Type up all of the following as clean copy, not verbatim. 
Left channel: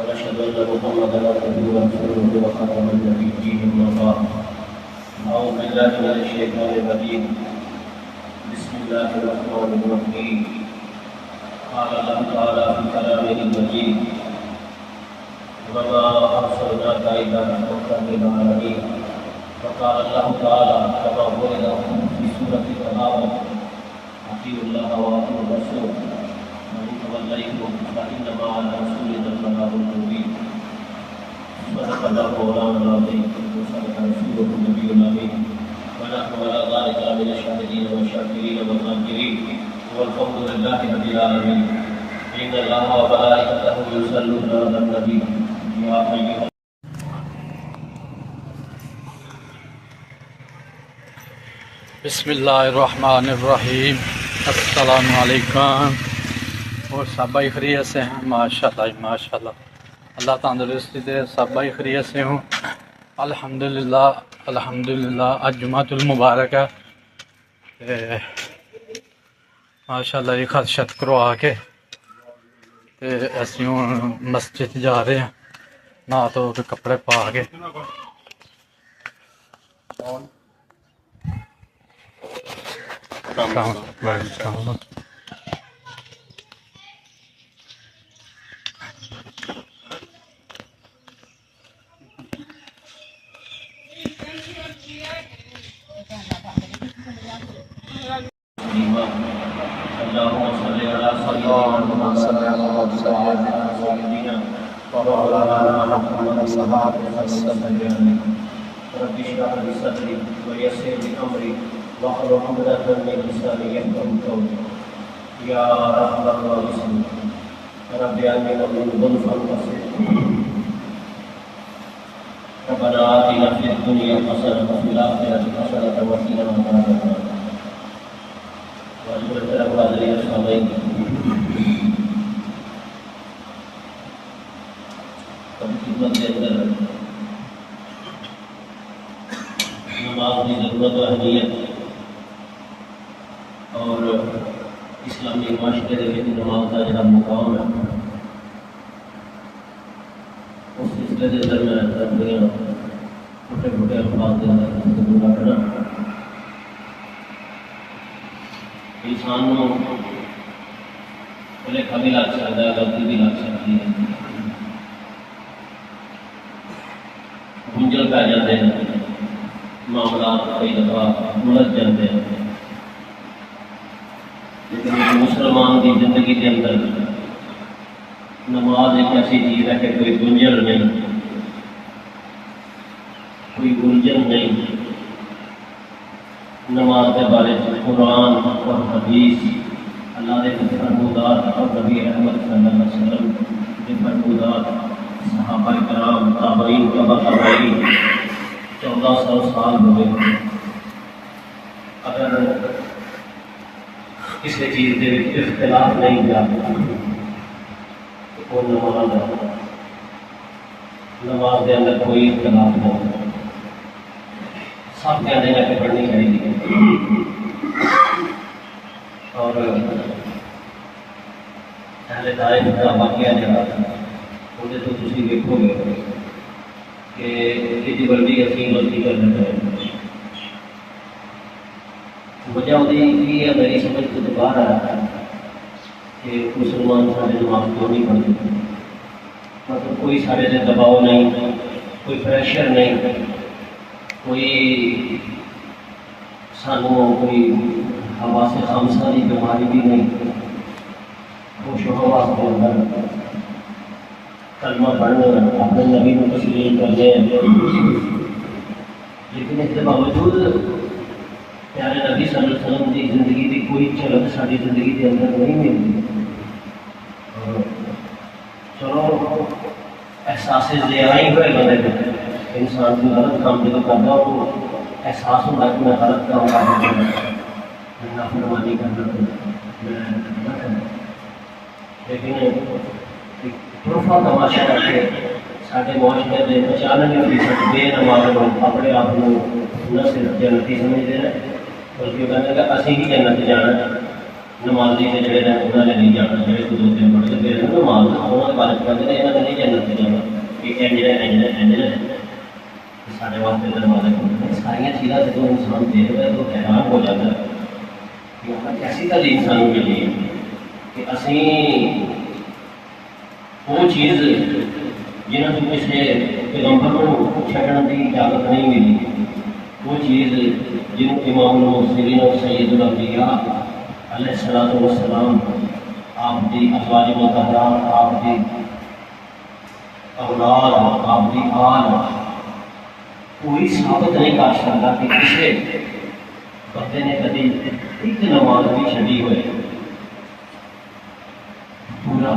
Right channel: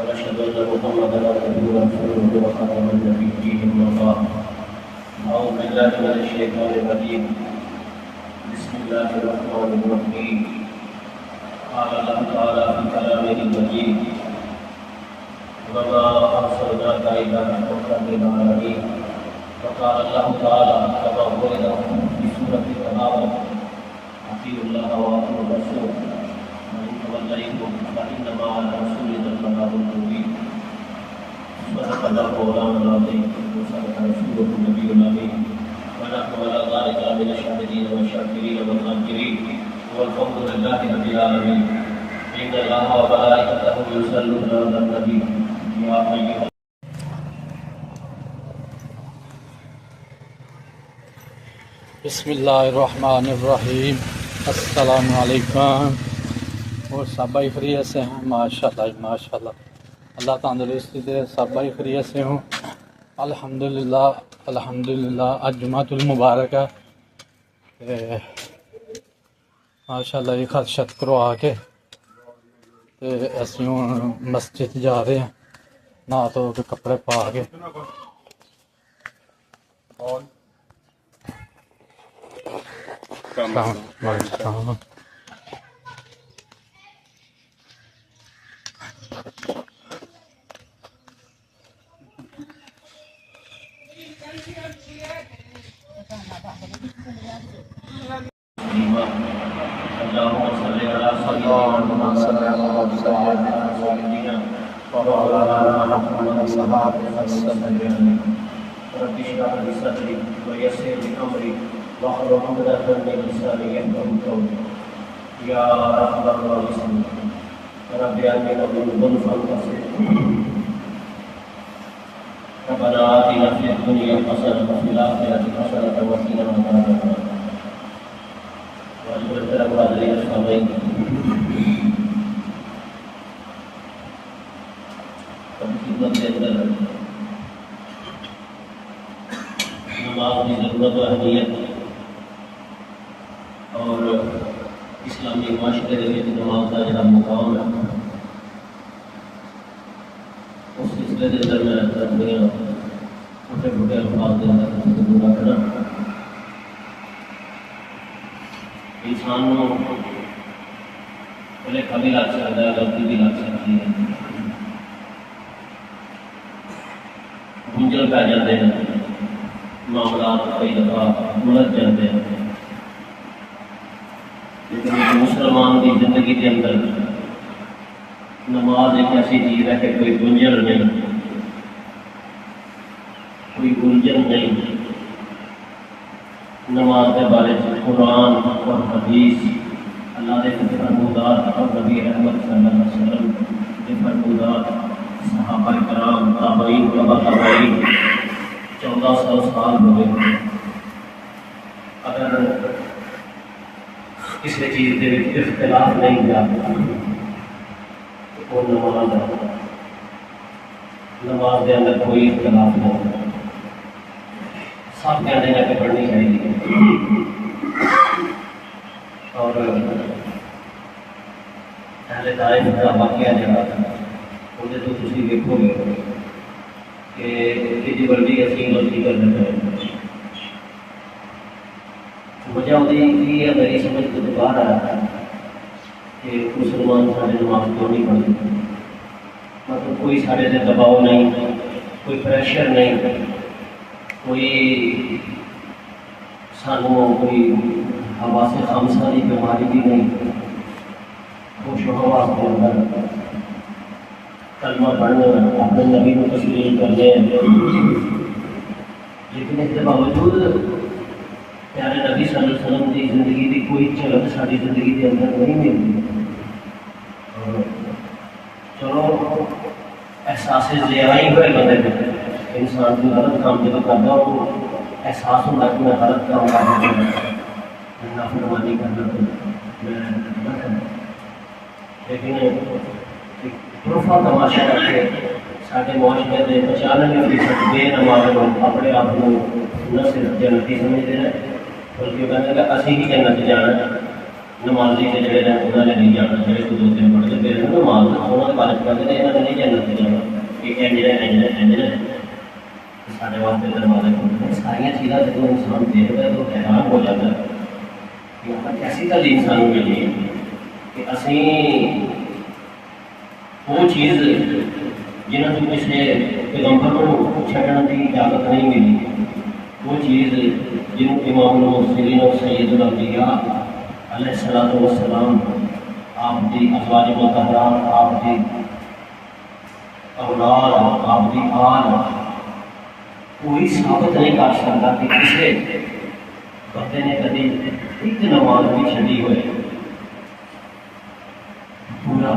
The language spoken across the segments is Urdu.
ونشهد أن محمدا عبده ورسوله وخاتم النبيين أما بعد أعوذ بالله من الشيطان الرجيم بسم الله الرحمن الرحيم قال الله تعالى في كلامه المجيد وما أرسلناك إلا رحمة للعالمين وقال الله تعالى كما قال في سورة التغابن أطيعوا الله وأطيعوا الرسول وإن توليتم فإنما على رسولنا البلاغ المبين صدق الله مولانا العظيم وصدق رسوله النبي الأمين ونحن على ذلك من الشاهدين والشاكرين والذاكرين والفضل لله رب العالمين إن الله وملائكته يصلون على النبي يا أيها بسم اللہ الرحمن الرحیم السلام علیکم. اور سب بھائی خیریت سے ہیں؟ ماشاءاللہ اللہ تندرستی دے. سب بھائی خیریت سے ہوں الحمدللہ. آج جمعۃ المبارک ہے. ماشاءاللہ یہ خط شت کروا کے اسی ہوں مسجد جا رہے ہیں نہا تو کے کپڑے پا کے. رب اشرح لي صدري ويسر لي امري واحلل عقدة من لساني يفقهوا قولي يا ارحم الراحمين رب اجعلني ذنوبا ربنا آتنا في الدنيا حسنة وفي الآخرة حسنة وقنا عذاب النار. والمرتبة هذه الصلاة خدمت اندر نماز کی ضرورت و اہمیت اور اسلامی معاشرے میں نماز کا جو مقام ہے اس سلسلے کے اندر میں اپنی چھوٹے چھوٹے الفاظ کے اندر رکھنا انسان کو بھلے کا بھی لگ سکتا ہے غلطی بھی لگ سکتی ہے بجل پہ جاتے ہیں معاملات کئی دفعہ بڑھ جاتے ہیں لیکن مسلمان کی زندگی کے اندر نماز ایک ایسی چیز ہے کہ کوئی گنجل نہیں کوئی گنجن نہیں. نماز کے بارے میں قرآن اور حدیث اللہ کے فرمودات اور نبی احمد صلی اللہ علیہ وسلم کے فرمودات صحابہ کرام تابعین تبع تابعین 1400 سال ہوئے. اگر کسی چیز کے اختلاف نہیں کیا تو نماز کے اندر کوئی اختلاف نہیں. سب کے آنے جا کے پڑھنی چاہیے. اور اہل طائف کا واقعہ جہاں انہیں تو تھی دیکھو گے کہ یہ بڑی اسی غلطی کر دیتا ہے. وجہ وہی ہے میری سمجھ کو تو باہر آ رہا ہے کہ مسلمان سارے نماز کیوں نہیں پڑھتے. مطلب کوئی سارے سے دباؤ نہیں, کوئی پریشر نہیں, کوئی سانوں کوئی حواس خمسہ کی بیماری بھی نہیں. خوش و حواس کے اندر کلمہ پڑھنے اپنے نبی کو تسلیم کرنے ہیں. لیکن اس کے باوجود پیارے نبی صلی اللہ علیہ وسلم کی زندگی کی کوئی جھلک ساری زندگی کے اندر نہیں ملتی. چلو احساس لے آئی ہوئے بندے انسان کو غلط کام جب کرتا ہو احساس ہوتا ہے کہ میں غلط کروں گا، نافرمانی کرنا تو میں نہ کروں، لیکن پروفا تماشا کر کے سارے معاشرے کے 95% بے نماز لوگ اپنے آپ کو نہ صرف جنتی سمجھتے ہیں بلکہ کہتے ہیں کہ اسی ہی جنت جانا ہے، نمازی کے جڑے ہیں انہوں نے نہیں جانا، جڑے کو 2-3 پڑھ لگے ہیں نماز انہوں نے بارش کرتے ہیں انہوں نے نہیں جنت جانا، یہ انجل سارے واسطے دروازے کھولتے ہیں۔ ساری چیزیں جب انسان دیکھتا ہے تو حیران ہو جاتا ہے کہ ہمیں ایسی تعلیم سانو ملی کہ اسی وہ چیز جنہوں کو کسی پیغمبر کو چھڈن کی اجازت نہیں ملی، وہ چیز جنہوں امام المرسلین اور سید الانبیاء علیہ الصلوۃ والسلام آپ کی ازواج مطہرات، آپ کی اولاد، آپ کی آل کوئی ثابت نہیں کر سکتا کہ کسی بندے نے کبھی ایک نماز بھی چھڈی ہوئے پورا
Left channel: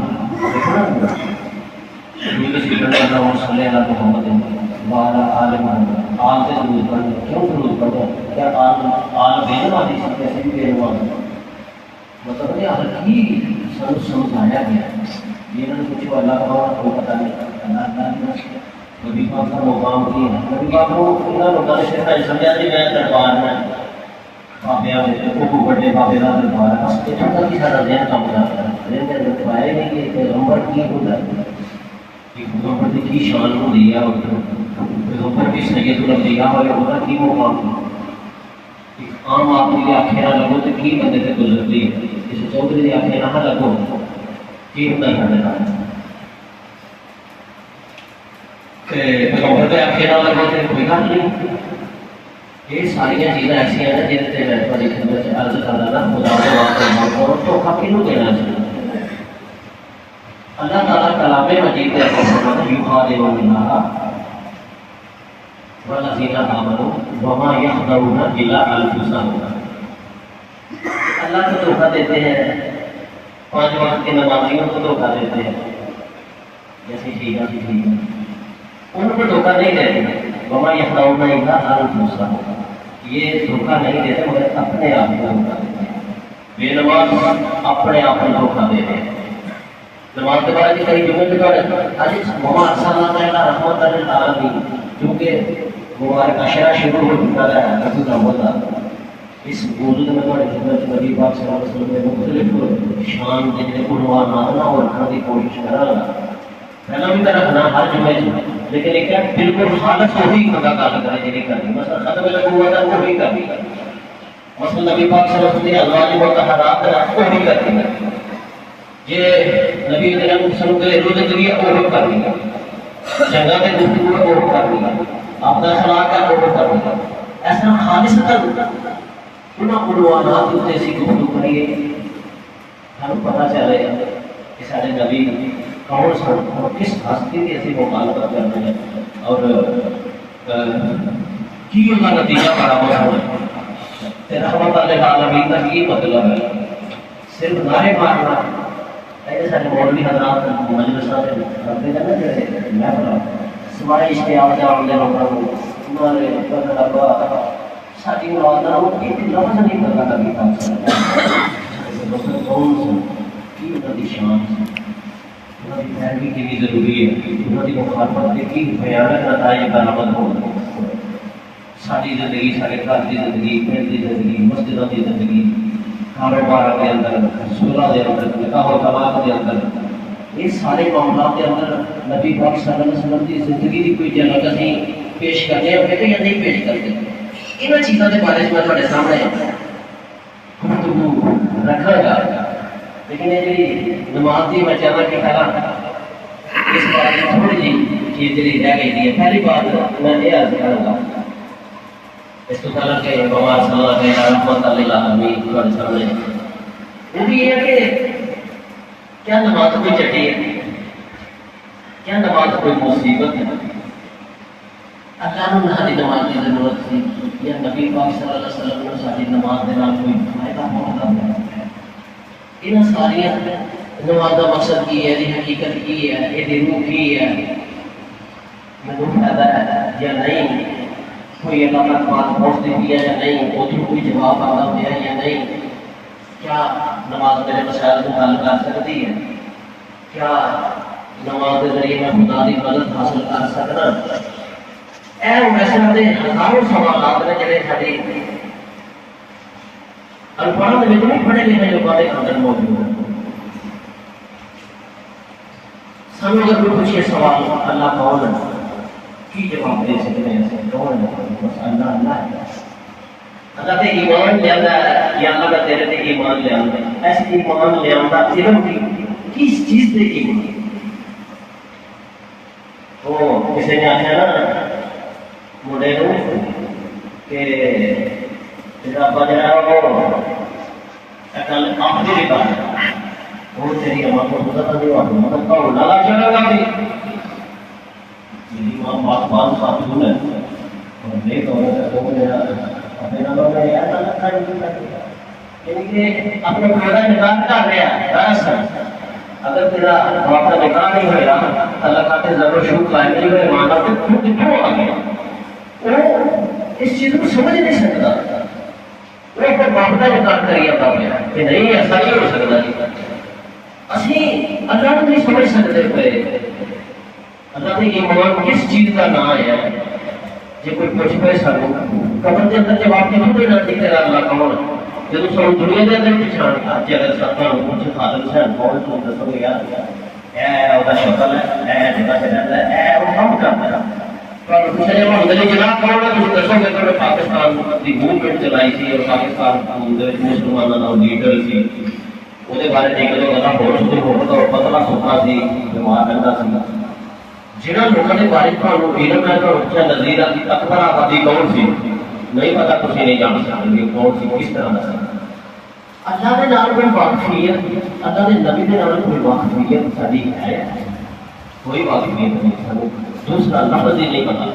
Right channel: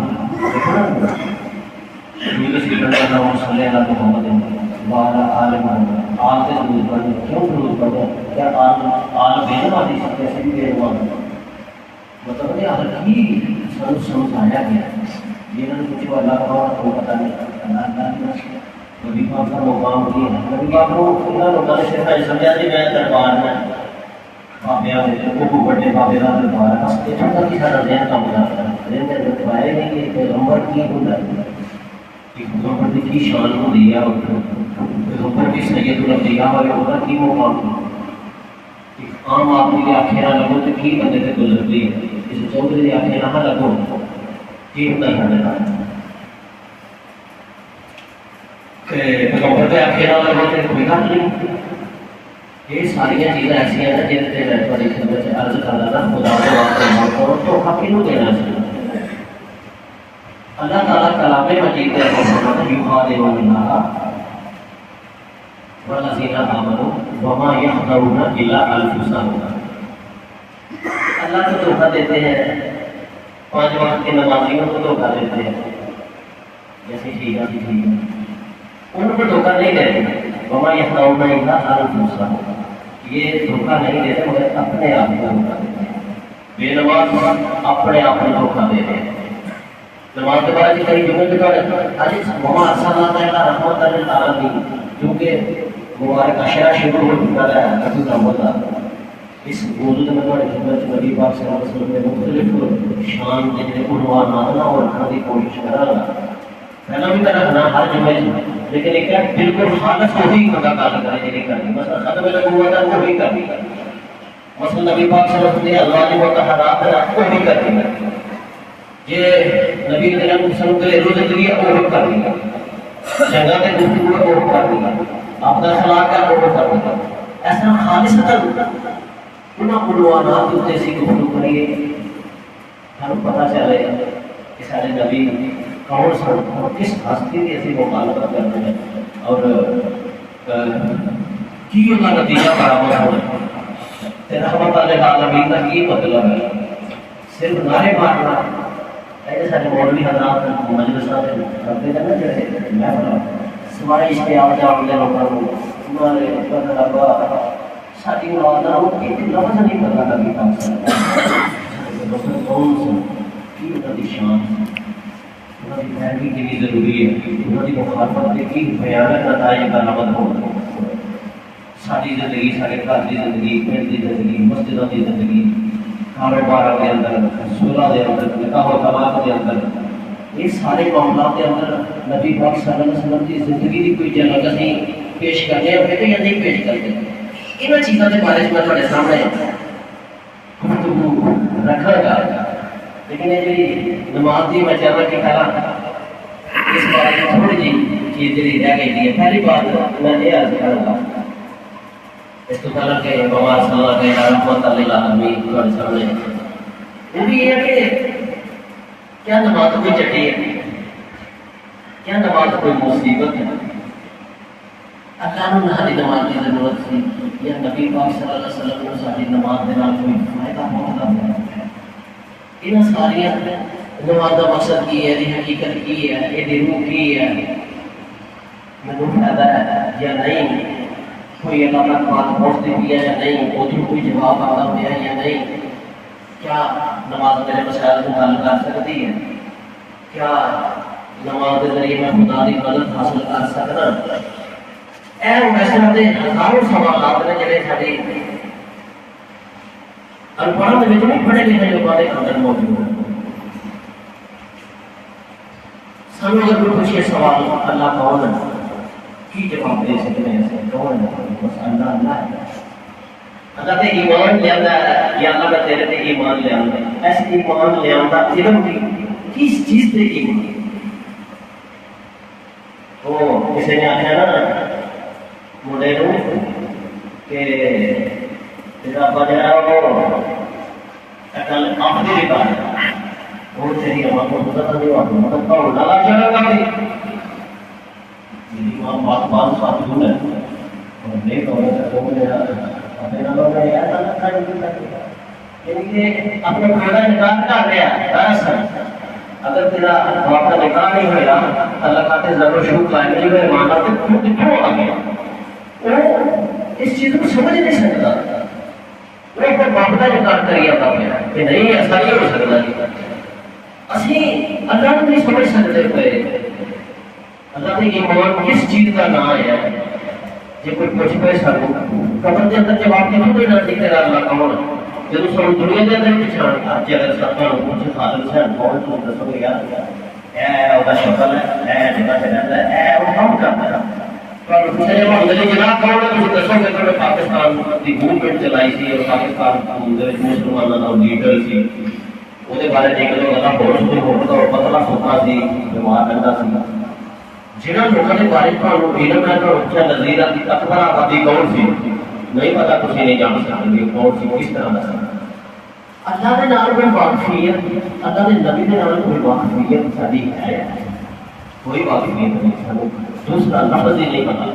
مطلب سمجھایا گیا کچھ اللہ کو پتا نہیں کبھی کا مقام کی ہے، کبھی کا لوگوں نے صرف سمجھا جی میں دربار میں بابے بڑے بابے کا دربار ہے، بس اتنا کی سارا دن کام کرتا ہے، دن کے اندر دکھایا نہیں کہ پیغمبر کی ہوتا ہے، پیغمبر کی شان ہوتی ہے، پیغمبر کی سید الانبیاء والے ہوتا کی مقام عام آدمی کی آنکھیں نہ لگو تو کی بندے سے گزرتی ہے، کسی چودھری کی آنکھیں نہ لگو کی ہوتا ہے پیغمبر کے آنکھیں نہ لگو تو کوئی گل نہیں۔ یہ ساری چیزیں ایسا ہیں جن میں عرض کرنا نا خدا کے واسطے تو ہم کیوں دینا چاہیے۔ اللہ تعالیٰ کلام مجید میں والذین آمنوا وما یخدعون الا انفسهم، اللہ کو دھوکہ دیتے ہیں، 5 وقت کی نمازیوں کو دھوکہ دیتے ہیں، جیسے ٹھیک ہے ٹھیک ہے ان کو دھوکہ نہیں دیتے، وما یخدعون الا انفسهم، یہ دھوکہ نہیں دیتے مگر اپنے آپ کو دھوکہ دیتے ہیں، بے نماز اپنے آپ کو دھوکہ دیتے ہیں۔ نماز کے بارے میں کئی جملے وما ارسلناک الا رحمۃ للعالمین، کیونکہ مبارک اشرا شروع ہو چکا ہے رسول اللہ، اس موضوع میں بڑے خدمت نبی پاک صلی اللہ علیہ وسلم نے مختلف شان جتنے عنوانات نہ اور رکھنے کی کوشش کرا پہلا بھی میں رکھنا ہر جگہ، لیکن ایک بالکل خالص وہی خدا کا کرنے نہیں کرنی، مثلا ختم نبوت ہے وہ بھی کرنی، مثلا نبی پاک صلی اللہ علیہ وسلم نے ازواج مطہرات رکھ کو بھی کرنی، یہ نبی کریم صلی اللہ علیہ وسلم زندگی وہ بھی کرنی، جگہ میں گفتگو وہ کرنی، آپ کا اخلاق کا وہ کرنی، ایسا خالص کرنا ان عنوانات کو ایسی گفتگو کریے ہمیں پتہ چلے کہ سارے نبی کون سن اور کس ہستی کی ایسی مخالفت کرتے ہیں اور کی ان کا نتیجہ برابر ہونا، رحمت العالمین کا یہ مطلب ہے صرف نعرے مارنا ایسے سارے مولوی حضرات مجلسوں سے کرتے ہیں نا سوائے اشتیاق جام دے لوگوں کو انہوں نے ساری مولانا وہ ایک لفظ نہیں پتا کبھی کون سے کی انہوں کی شان انہوں کی تحقیق کی ضروری ہے، انہوں کی مخالفت کی بھیانک نتائج برآمد ہو، ساری زندگی سارے گھر کی زندگی، پنڈ کی زندگی، مسجدوں کی زندگی، کاروبار کے اندر، سولہ کے اندر، نکاح و طلاق کے اندر، یہ سارے معاملات کے اندر نبی پاک صلی اللہ علیہ وسلم کی زندگی کی کوئی جگہ نہیں پیش کرتے ہیں یا نہیں پیش کرتے، ان چیزوں کے بارے میں تھوڑے سامنے رکھا گا، لیکن یہ جی نماز کی میں چلنا کی پہلا اس بارے میں تھوڑی جی چیز جی رہ گئی ہے۔ پہلی بات میں یہ عرض کروں گا اس کو پہلا کہ بمار صلی اللہ علیہ رحمۃ للعالمین تھوڑے سامنے کیونکہ یہ ہے کہ کیا نماز کوئی چٹی ہے، کیا نماز کوئی مصیبت ہے، اللہ نے ہماری نماز کی ضرورت تھی یا نبی پاک صلی اللہ علیہ وسلم کو ساری نماز کے نام کوئی فائدہ پہنچتا ہے، ان ساری نماز کا مقصد کی ہے، حقیقت کی ہے، یہ روح کی ہے، وہ فائدہ ہے یا نہیں، کوئی اللہ کا بات پہنچتی بھی ہے یا نہیں، ادھر کوئی جواب آتا پیا ہے یا نہیں، کیا نماز میرے مسائل کو حل کر سکتی ہے، کیا نماز کے ذریعے میں خدا کی مدد حاصل کر سکتا، ایسے ہزاروں سوالات نے جڑے ساری اخبار میں نہیں پڑھے لکھے لوگوں کے اندر موجود ہیں۔ سامنے اگر کوئی پوچھے سوال اللہ کون ہے، کی جواب دے سکتے ہیں، کون ہے؟ بس اللہ ہے۔ اللہ تے ایمان لے آتا ہے یا اللہ کا تیرے تے ایمان لے آتا ہے، ایسے ایمان لے آتا علم کی کس چیز تے ایمان؟ وہ کسی نے آخیا نا منڈے کو کہ تیرا ابا جہاں وہ کل آخری بھی بات وہ تیری اما کو پتہ نہیں ہوا مطلب کون لگا چلا گا بھی میری ماں بات بات ساتھ دور ہے اور دیکھ وہ اپنے نمبر میں ایسا لکھا یعنی کہ اپنا پیدا نکال کر رہا ہے دراصل اگر تیرا باپ کا نکاح نہیں ہوئے اللہ کا ضرور شروع قائم نہیں ہوئے مانا تو خود کیوں آ گیا وہ اس چیز کو سمجھ نہیں سکتا، وہ ایک باپ کا نکاح کر گیا باپ کہ نہیں ایسا نہیں ہو سکتا جی اسی اللہ کو نہیں سمجھ سکتے پہ اللہ کے ایمان کس چیز کا نام ہے جب کوئی پوچھ پہ سکو قبر کے اندر جواب کے کوئی نہ دکھے گا اللہ کون جب سب دنیا کے اندر پچھان تھا اگر ساتھ کچھ حال سے بہت لوگ سب یاد ہے وہ شکل ہے جگہ سے رہتا ہے وہ کام کرتا ہے اور دوسرے محمد جناب کون ہے اس دسوں میں تو پاکستان کی موومنٹ چلائی تھی اور پاکستان کی مسلمانوں کا لیڈر سی وہ بارے دیکھ لو اللہ بہت ہوتا اور بدلا سونا سی بیمار رہتا سی جنہوں لوگوں کے بارے میں علم ہے تو اچھا نظیر کی اکبر آبادی کون سی نہیں پتا کسی نہیں جان سکیں گے کون سی کس طرح کا اللہ کے نام میں واقفیت اللہ کے نبی کے نام کوئی واقفیت ساری ہے کوئی واقفیت نہیں دوسرا لفظ ہی نہیں پتا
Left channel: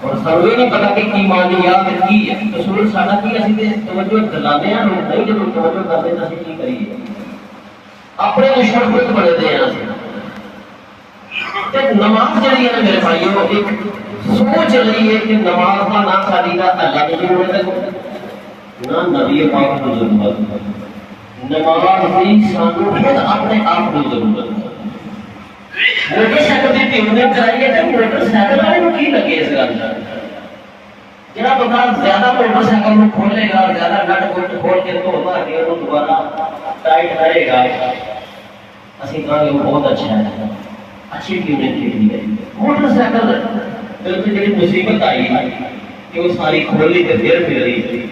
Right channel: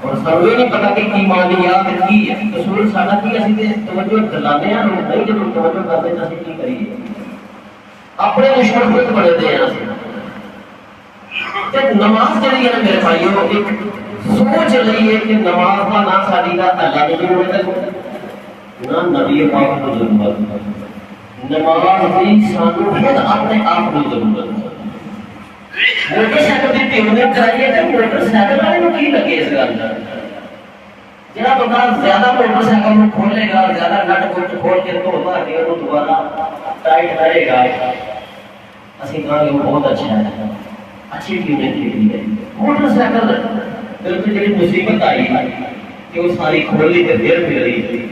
اور سب یہ نہیں پتا کہ ایمانیات کی ہے رسول سادہ کی اسی توجہ دلانے ہیں لوگ نہیں جب توجہ کرتے تو اسی کی کریے اپنے دشمن خود بڑھتے ہیں نماز کے لیے میرے بھائیوں ایک سوچ رہی ہے کہ نماز کا نہ ساری کا اللہ کی ضرورت ہے نہ نبی پاک کی ضرورت ہے نماز کی سانو خود اپنے آپ کی ضرورت ہے موٹر سائیکل کی ٹیوننگ چاہیے کہ موٹر سائیکل والے کو کی لگے اس گل جہاں بندہ زیادہ موٹر سائیکل کو کھولے گا زیادہ نٹ بولٹ کھول کے تو ہوتا ہے وہ دوبارہ ٹائٹ رہے گا اسی کہاں کہ وہ بہت اچھا ہے اچھی ٹیوننگ کی ہے موٹر سائیکل بالکل جی مصیبت آئی کہ وہ ساری کھولی کے پھر مل رہی تھی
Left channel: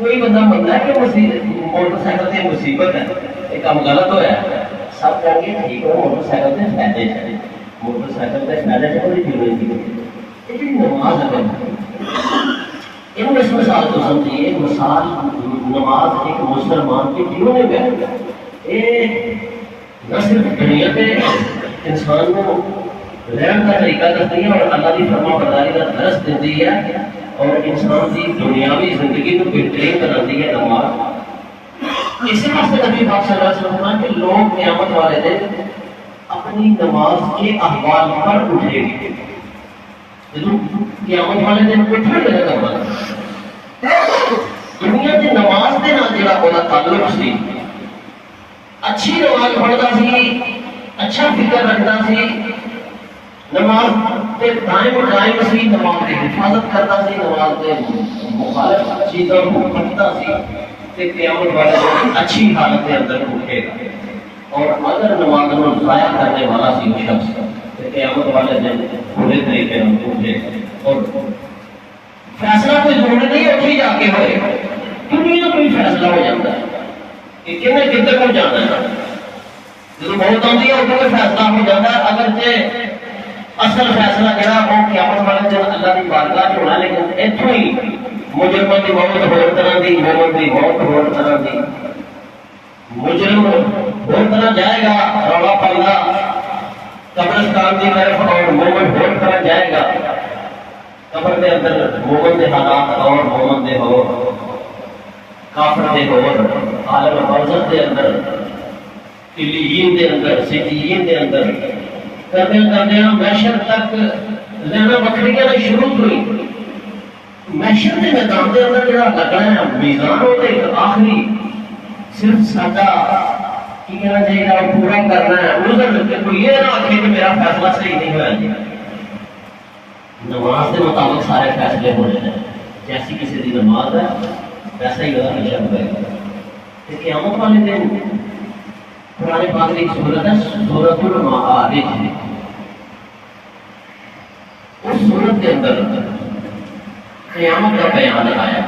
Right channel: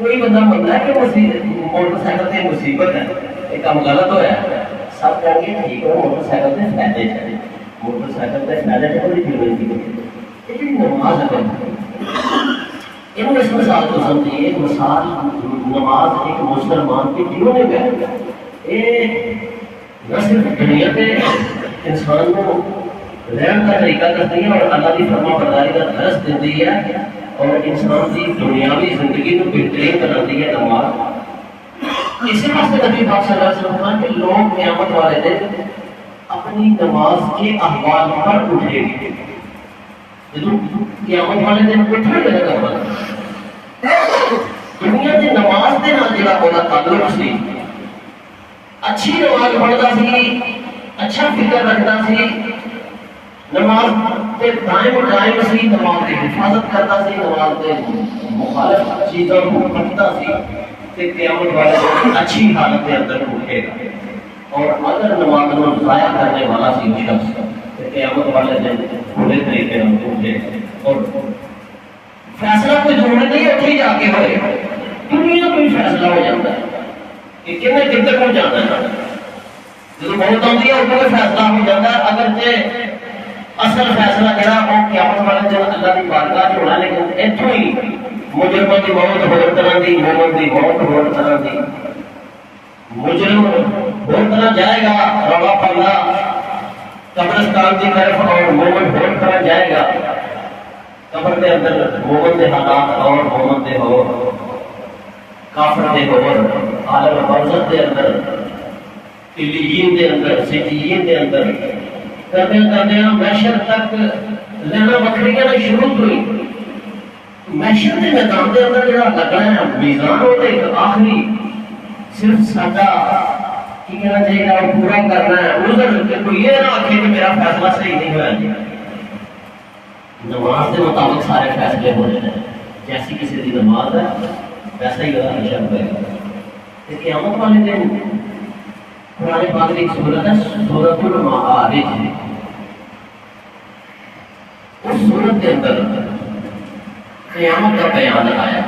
کوئی بندہ بنتا ہے کہ موٹر سائیکل سے مصیبت ہے یہ کام غلط ہوا ہے سب کہیں گے ٹھیک ہے موٹر سائیکل سے فائدے چلے موٹر سائیکل سے فائدے چلے لیکن نماز اگر اس مثال کو سمجھیے مثال نماز ایک مسلمان کی ٹیوننگ ہے یہ نہ صرف دنیا میں انسان کو رہن کا طریقہ کرتی ہے اور اللہ کی فرما برداری کا درس دیتی ہے اور انسان کی دنیاوی زندگی کو بہترین بناتی ہے نماز اسی واسطے نبی پاک صلی اللہ علیہ وسلم کہ لوگ قیامت والے دن اپنی نماز کے احوال پر اٹھے گے قیامت والے دن اٹھنے لگے گا دنیا کی نماز کے نال جڑا ہونا تعلق سی اچھی نماز پڑھتا سی اچھا فکر رکھتا سی نماز کے ٹائم سی نماز کی حفاظت کرتا سی نماز کے مخالف چیزوں کو پڑھتا سی کہ قیامت والے اچھی حالت کے اندر اٹھے گا اور اگر نماز کو ضائع کرنے والا سی وہ شخص کہ قیامت والے دن کھلے طریقے سے اٹھے اور فیصلہ کوئی توڑنے نہیں اٹھی جا کے ہوئے دنیا کوئی فیصلہ ہو جاتا ہے کہ کتنے کتنے کو جانا ہے جب موت آتی ہے وہ فیصلہ ہو جاتا ہے اگرچہ اصل فیصلہ جڑا وہ قیامت والے دن اللہ کی بارگاہ چ ہونا لیکن اتوں ہی مجرموں کی موت ہور طرح کی مومن کی موت ہور طرح کی مجرم ہور طرح جائے گا رولا پڑا قبرستان کی طرف اور مومن ہور طرح جائے گا قبر کے اندر مومن کے حالات اور مومن کے ہو کافر کے ہو عالم برزخ کے اندر علیین کے اندر سجین کے اندر کرتے محشر تک رہنا بکریاں شروع ہوئی محشر کے میدان کے اندر جڑا لگنا ہے میزان وہ ایک آخری صرف ساڈا کی کہنا چاہیے وہ پورا کرنا ہے اس کو یہ نہ آخے کہ میرا فیصلہ صحیح نہیں ہوا نماز کے مطابق سارے فیصلے ہونے ہیں جیسی کسی کی نماز ہے ویسا ہی ہمیشہ ہوئے گا قیامت والے دن قرآن پاک کی سورت ہے سورۃ المعارج اس سورت کے اندر قیامت کا بیان آیا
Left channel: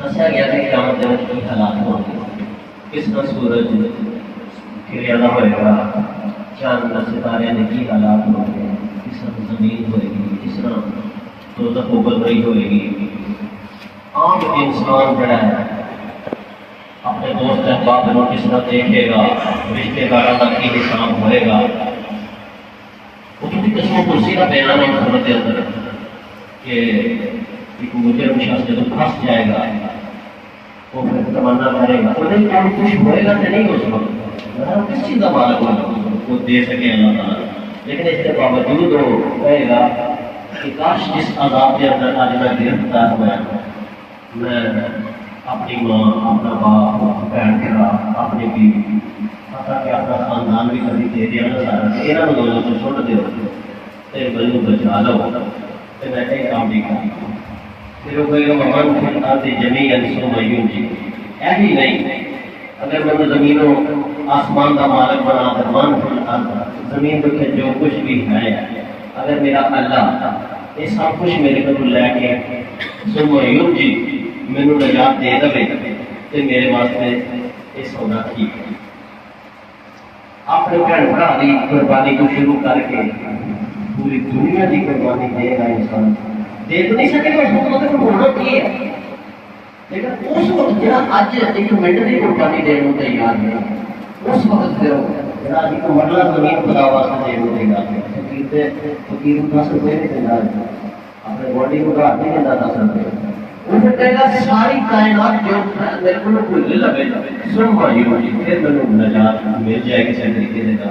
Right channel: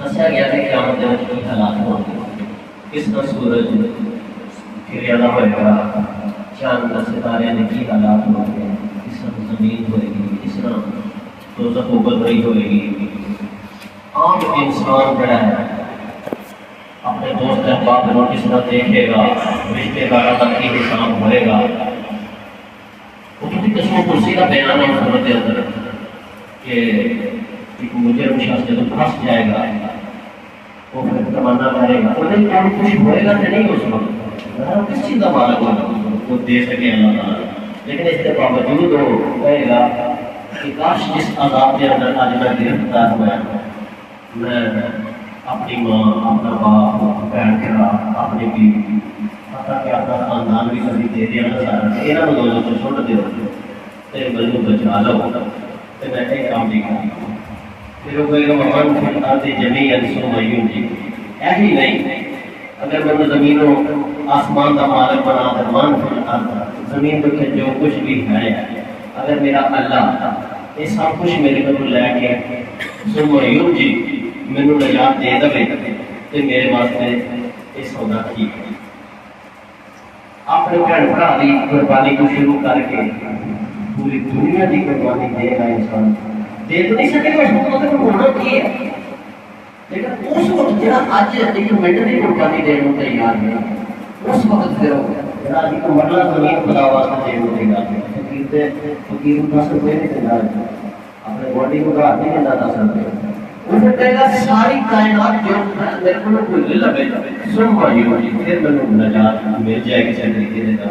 دسیا گیا کہ قیامت کے وقت کی حالات ہوں گے کس کا سورج پھر ادا ہوئے گا چاند ستارے کی حالات ہوں گے کس طرح زمین ہوئے گی کس طرح دوزخ ابل رہی ہوئے گی عام انسان جڑا ہے اپنے دوست احباب کو کس طرح دیکھے گا رشتے داروں تک کی حساب ہوئے گا وہ کسی قسم کرسی کا بیان ہے سورت کے اندر کہ ایک مجرم شخص جب پھنس جائے گا وہ پھر تمنا کرے گا وہ کوئی خوش ہوئے گا کہ نہیں اس وقت کس چیز کا مالک وہ دے سکے اللہ تعالیٰ لیکن اس کے باوجود وہ کہے گا کہ کاش جس عذاب کے اندر آج میں گرفتار ہوا میں اپنی ماں اپنا باپ بہن بھرا اپنی بیوی کہ اپنا خاندان بھی کبھی دے دیا نہ چاہتا کہ یہاں لوگوں کو چھوڑ دے تیرے بلو بچا لو تو میں ایک کام نہیں کروں پھر وہ کہے گا مہمان پھر آتے جمی سو میوں جی ایسی نہیں اگر میں نے زمین و آسمان کا مالک بنا کر مان زمین پہ جو کچھ بھی ہے اگر میرا اللہ یہ سب کچھ میرے کو لے کے سو میوں جی میرے نجات دے دے تو میرے واسطے یہ سودا ٹھیک ہے اپنے بہن بھرا کی قربانی کو شروع کر کے پوری دنیا کی قربانی دے گا انسان دے تو نہیں سکے گا اس کو مطلب ہونا کی ہے لیکن اس وقت جہاں اج ایک منٹ کی قربانی دینے کو تیار ہے اس وقت پھر جہاں ایک مرلہ زمین خدا واسطے دینے کو تیار ہے فقیر 10 روپے نہیں دینا اپنے باڈی کو گھر نہیں دینا 10 روپے پھر کہے گا ساری کائنات جو میرے کو بھول لگے سن بھائی پھر میں نجات مل جائے کسی طریقے سے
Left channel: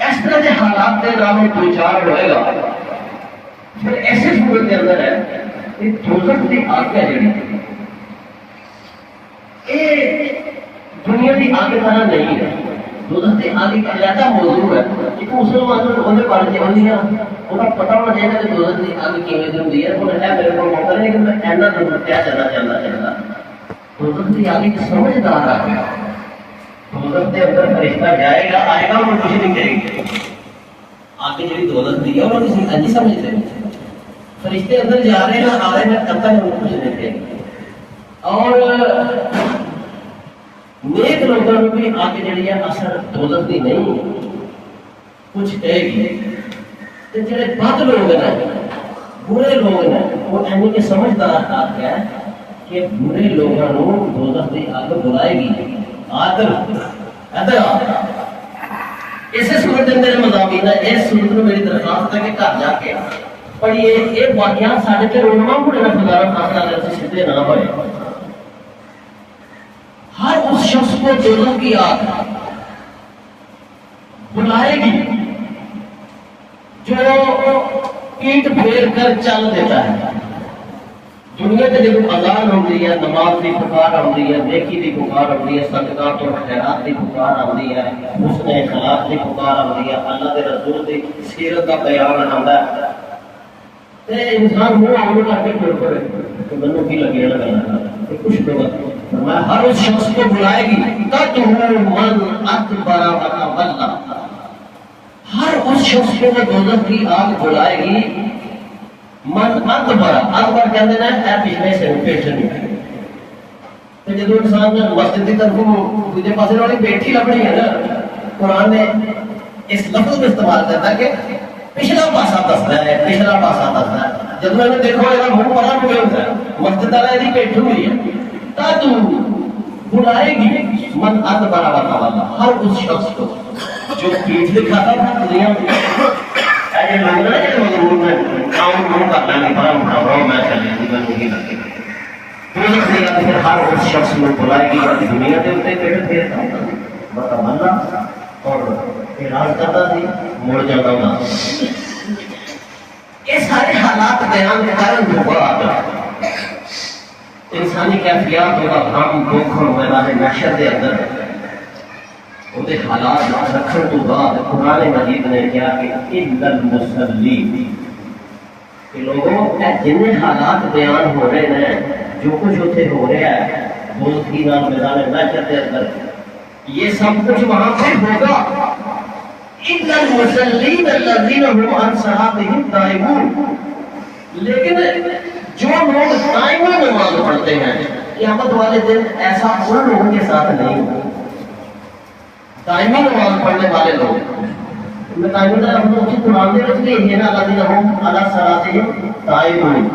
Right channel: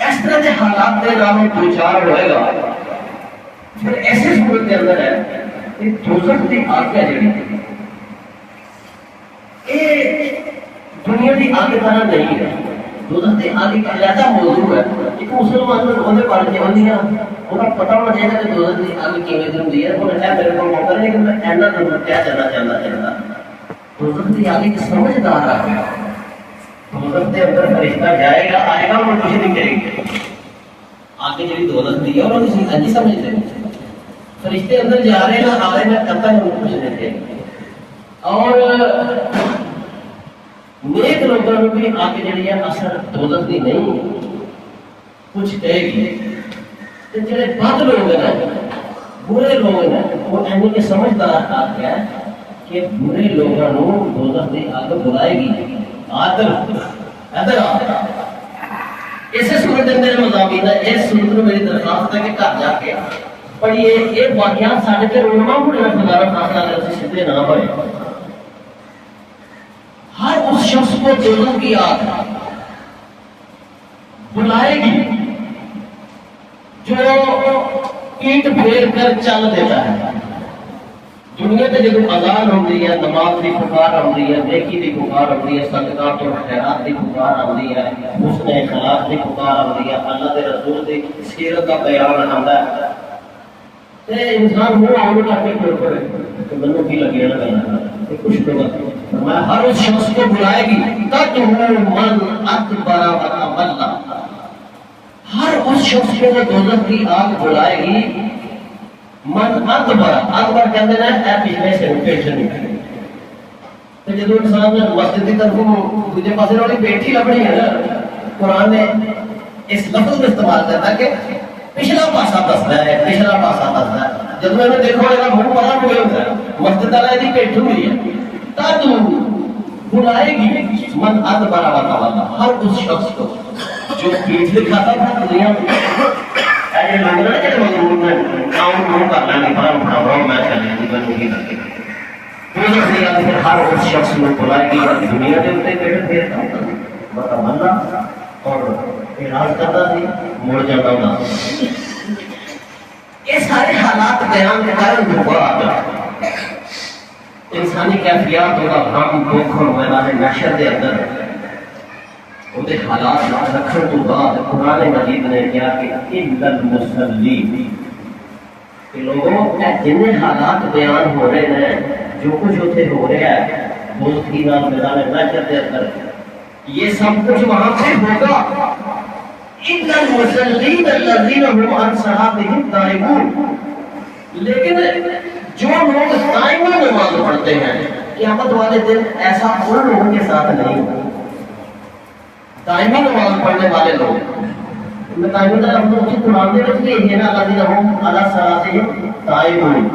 اس طرح کے حالات کے نام دو چار ہوئے گا پھر ایسے صورت کے اندر ہے کہ دوزخ کی آگ ہے جڑی یہ دنیا کی آگ طرح نہیں ہے دوزخ کی آگ ایک علیحدہ موضوع ہے ایک مسلمان کو ہونے پڑ جاتی ہیں انہیں پتا ہونا چاہیے کہ دوزخ کی آگ کیویں ہوتی ہے انہیں ہے میرے کو موقع نہیں کہ میں اینا نظر کیا چلنا چاہتا دوزخ کی آگ ایک سمجھدار ہے دوزخ کے اندر فرشتہ جائے گا آئے گا اور کچھ نہیں کرے گا آگے میری دوزخ دی ہے اور کسی کا نہیں سمجھتے فرشتے اندر جا رہے ہیں آ رہے ہیں کب تک وہ کچھ نہیں کرے اور نیک لوگوں کی آگے جڑی ہے اثر دوزخ دی نہیں ہے کچھ کہے گی کہ جڑے بد لوگ ہیں برے لوگ ہیں وہ یعنی کہ سمجھدار آ گیا ہے کہ برے لوگوں کو دوزخ دی آگ بلائے گی ایسے صورت میرے مضامین ہے اس صورت میں میری درخواست ہے کہ گھر جا کے پڑھیے یہ واقعات سارے کے علماء کو خدا خاصہ لفظ سیدھے نہ ہوئے ہر اس شخص کو دوزخ کی آگ بلائے گی جو پیٹ پھیر کر چل دیتا ہے دنیا کے جب اذان ہوتی ہے نماز کی پکار آتی ہے نیکی کی پکار آتی ہے صدقات اور خیرات کی پکار آتی ہے حسن اخلاق کی پکار آتی ہے اللہ کے رسول کی سیرت کا بیان آتا ہے تے انسان کو اور کر کے کوئی کرے تو منو بھی لگے رہنا کچھ لوگ میں ہر اس شخص کو بلائے گی تاکہ من اکبر و اللہ ہر اس شخص کو دوزخ کی آگ بلائے گی من اکبر کہتے ہیں اے پچھلے سے پیشن تو جب انسان نے مسجد کی طرف تجھے پاس والی بیٹھی لبنی ہے نا قرآن نے اس لفظ میں استعمال کرتا ہے کہ پچھلا پاسا دستا ہے پچھلا پاسا دستا ہے جب میں نے دیکھو یہ منہ پڑا ہو گیا ہوتا ہے مسجد والا نہیں بیٹھی ہوئی ہے تاکہ بلائے گی من اکبر والا ہر اس شخص کو جو پیٹ دکھاتا تھا دنیا میں ایسے لگنا ہے کہ مضمون میں کرنا نہیں پڑا پروگرام میں چلے پھر ہر اس شخص کو بلائے گی دنیا کے اتنے پیڑ پھیرتا بڑا بندہ اور علاج کرتا تھی مڑ جاتا ہوگا یہ سارے حالات حالات بیان کرنے کے بعد انسانی کیفیات ہوگا ہم دکھ اور میدان محشر کے اندر وہ حالات رکھنے کے بعد قرآن مجید نے کیا کہ المصلی کہ لوگوں جن حالات بیان ہو رہے ہیں جو کچھ اتنے ہو رہا ہے بہت ہی نام میدان محشر کے اندر یہ سب کچھ وہاں پہ ہوگا المصلین الذین هم عن صلاتهم نائمون لیکن جو لوگ دائمی نماز پڑھتے ہیں قیامت والے دن ایسا ان لوگوں کے ساتھ نہیں دائمی نماز پڑھنے والے لوگ دائمی نماز قرآن میں بھی ہے نا الذین هم علی صلاتهم دائمون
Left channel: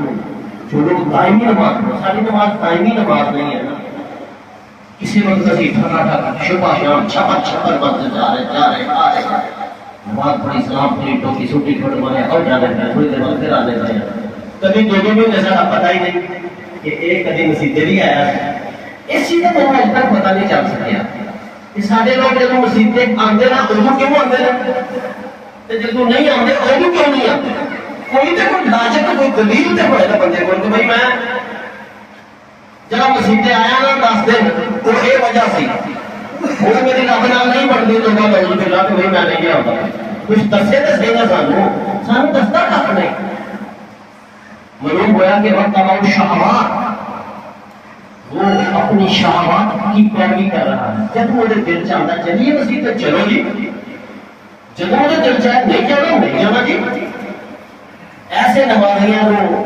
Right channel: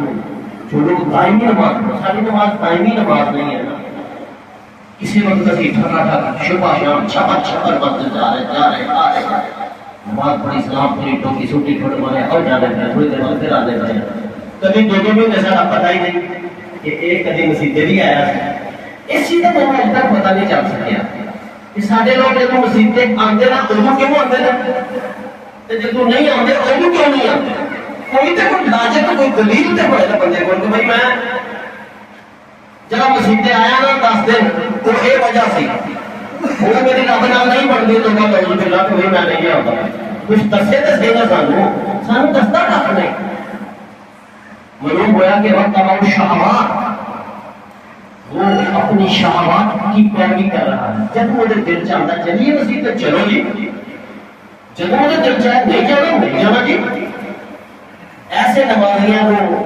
جو لوگ دائمی نماز ساری نماز دائمی نماز نہیں ہے کسی وقت کسی ٹھکا ٹھک شپا شام چھپا چھپر بند جا رہے آ رہے بات بڑی سلام پوری ٹوکی سوٹی پھٹ مارے اور جانے ہیں تھوڑی دیر بعد پھر آنے ہیں کبھی دونوں میں جیسا پتہ ہی نہیں کہ ایک کدی مسیطے بھی آیا ہے اسی کا تو ہم تک پتہ نہیں چل سکیا کہ سارے لوگ جب مسیطے آتے ہیں انہوں کیوں آتے ہیں جب نہیں آتے انہوں کیوں نہیں آتے کوئی تو کوئی لاجک کوئی دلیل تو پڑے بندے کو کہ بھائی میں جب مسیطے آیا نا 10 دن تو یہ وجہ سی وہ میری رب نال نہیں پڑھتی تو میں لوگوں کے لگ ہوئی میں نہیں آتا کچھ دسے تو صحیح نہ سانو دستا کب نہیں معلوم ہوا کہ وقت شہوات وہ اپنی شہوات کی پیروی کر رہا ہے جب مجھے دل چاہتا چلیے مسیح تک چلو جی جب مجھے دل چاہے نہیں جانا نہیں جانا جی ایسے نمازیاں وہ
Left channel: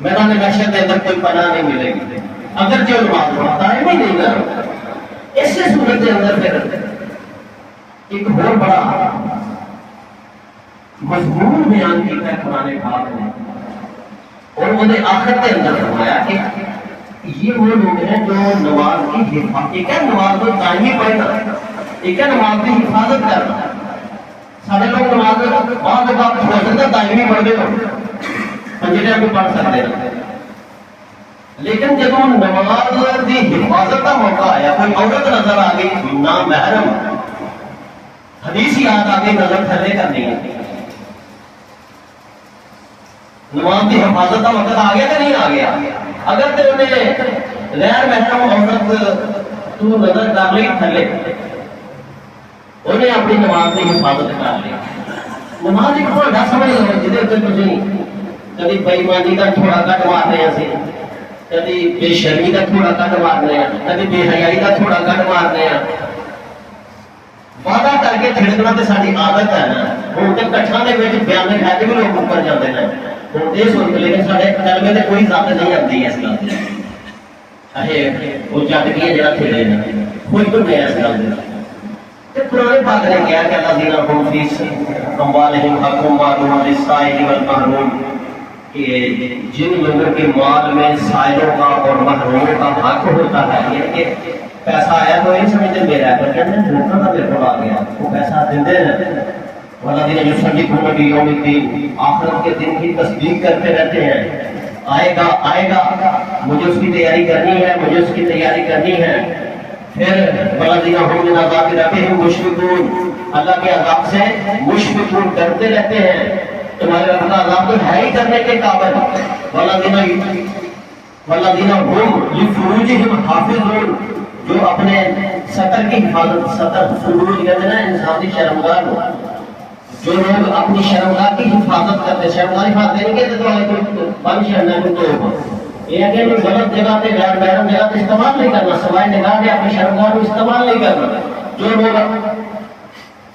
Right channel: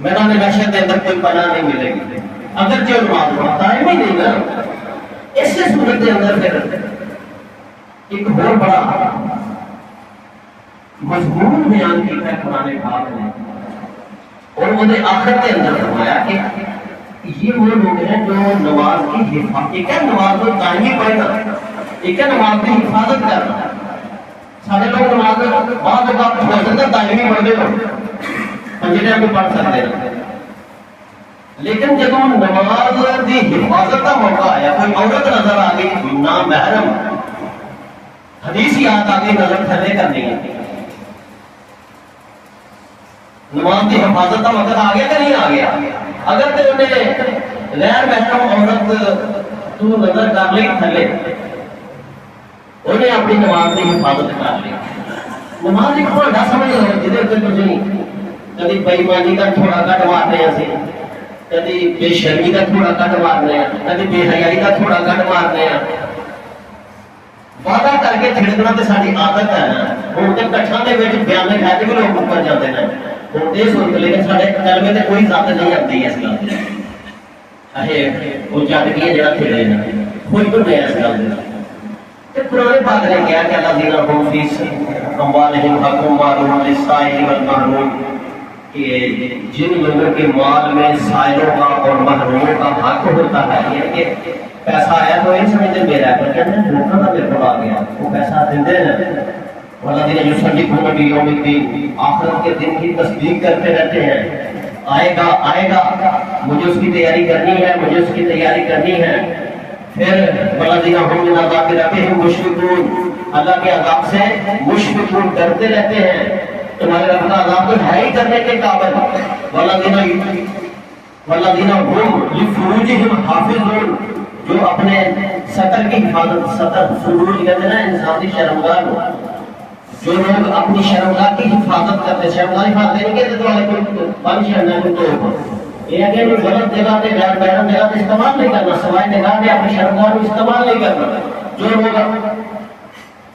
میدان محشر کے اندر کوئی پناہ نہیں ملے گی اگر جو نماز پڑھتا ہے نہیں کرتا ایسے صورت کے اندر پھر ایک بہت بڑا مضمون بیان کیا ہے قرآن پاک نے اور مجھے آخر کے اندر فرمایا کہ یہ وہ لوگ ہیں جو نماز کی حفاظت ایک ہے نماز کو دائمی پڑھنا ایک ہے نماز کی حفاظت کرنا سارے لوگ نماز بعض اوقات ہو سکتا ہے دائمی پڑھنے کو پنجرے میں پڑھ سکتے ہیں لیکن جب ہم نماز کی حفاظت کا موقع آیا کوئی عورت نظر آ گئی نامحرم حدیث یاد آ گئی نظر تھلے کرنی ہے نماز کی حفاظت کا مقصد آ گیا کہ نہیں آ گیا اگر تو انہیں غیر محرم عورت تو نظر ڈال لی تھلے انہیں اپنی نماز کی حفاظت کر لی نماز ایک تھوڑا نہ سمجھ رہے جدھر تک کچھ کبھی بےایمانی کا تھوڑا کٹ مارتے ہیں اسے کبھی بے شرمی کا تھوڑا کٹ مارنے ہیں کبھی بے حیائی کا تھوڑا کٹ مارنے ہیں وعدہ کر کے چھڑکنا تو ساری عادت ہے نا ہوں تو کٹھا کے بیان لے بھی لوگ اوپر جاتے ہیں ہوں یہ سوچ لیکن سارے قلبے سے کوئی ذات نہیں آتی ہے اس گل کی وہ جٹ کی جڑا کھیلے کوئی تو نہیں اس گل کی قرآن پاک نے کیا کہ اللہ دینا ہوں فی اموالہم حق معلوم للسائل والمحروم کہ جن لوگوں کے مال میں سائلوں کا اور محروموں کا حق ہوتا ہے یہ کہ پیسہ آیا تو یہ سمجھتے میرا ہے پر لوگوں کا میرے کو آ گیا وہ پیسہ دیتے ہیں والا دن جو سنجی کو بھی یوم کی آخرت کے دن کی تصدیق کرتے رہتے ہیں آئے گا مجھے اس کی تیاری کرنی ہے مجھے اس کی تیاری کرنی ہے پھر والا دن ہم جن عذاب کے رہتے ہیں مشفقون اللہ کے عذاب سے مشفقون کرتے رہتے ہیں تمہارے رب کا عذاب تو ہے ہی کرنے کے قابل والذین هم لفروجہم حافظون جو اپنے سطر کی حفاظت سطر فروج کہتے ہیں انسان کی شرمگاہ کو جو لوگ اپنی شرمگاہ کی حفاظت کرتے ہیں شرمگاہ حفاظت دینے کے تو والے کو بند شرمگاہ کو تو یہ ہے کہ غلط جگہ پہ غیر محرم جگہ پہ استعمال نہیں کرنا سوائے نگاہ میں اپنی شرمگاہ کو استعمال نہیں کرنا جو لوگ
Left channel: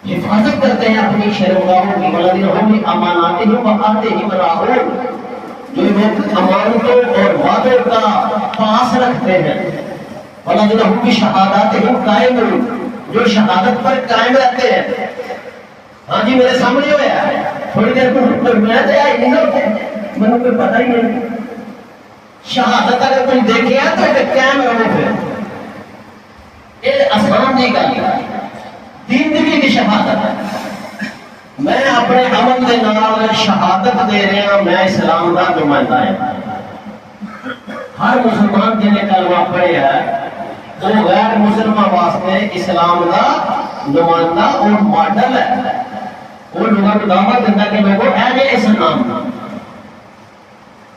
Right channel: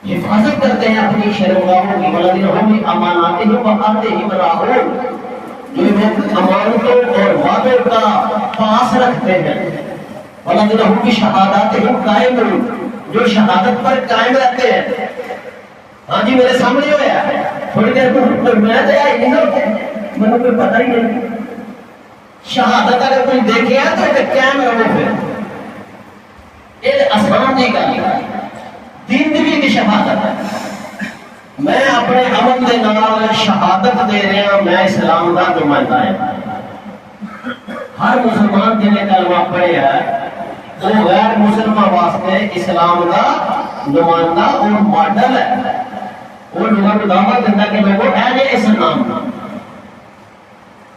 حفاظت کرتے ہیں اپنی شرمگاہوں کی والذین هم اماناتہم وعہدہم راعون جو لوگ امانتوں اور وعدوں کا پاس رکھتے ہیں والذین هم بشہاداتہم قائمون جو شہادت پر قائم رہتے ہیں ہاں جی میرے سامنے ہوا ہے تھوڑی دیر کو میں تو آئی نہیں مجھے کوئی پتہ ہی نہیں شہادت اگر کوئی دیکھے تو قائم رہو پھر یہ آسان نہیں گل زندگی کی شہادت ہے میں اپنے عمل کے نال شہادت دے رہا میں اسلام کا نمائندہ ہے ہر مسلمان جن نے کلمہ پڑھے ہے وہ غیر مسلمان واسطے اسلام کا نمائندہ اور ماڈل ہے وہ لوگوں کو دعوت دیتا کہ میں وہ اہل اسلام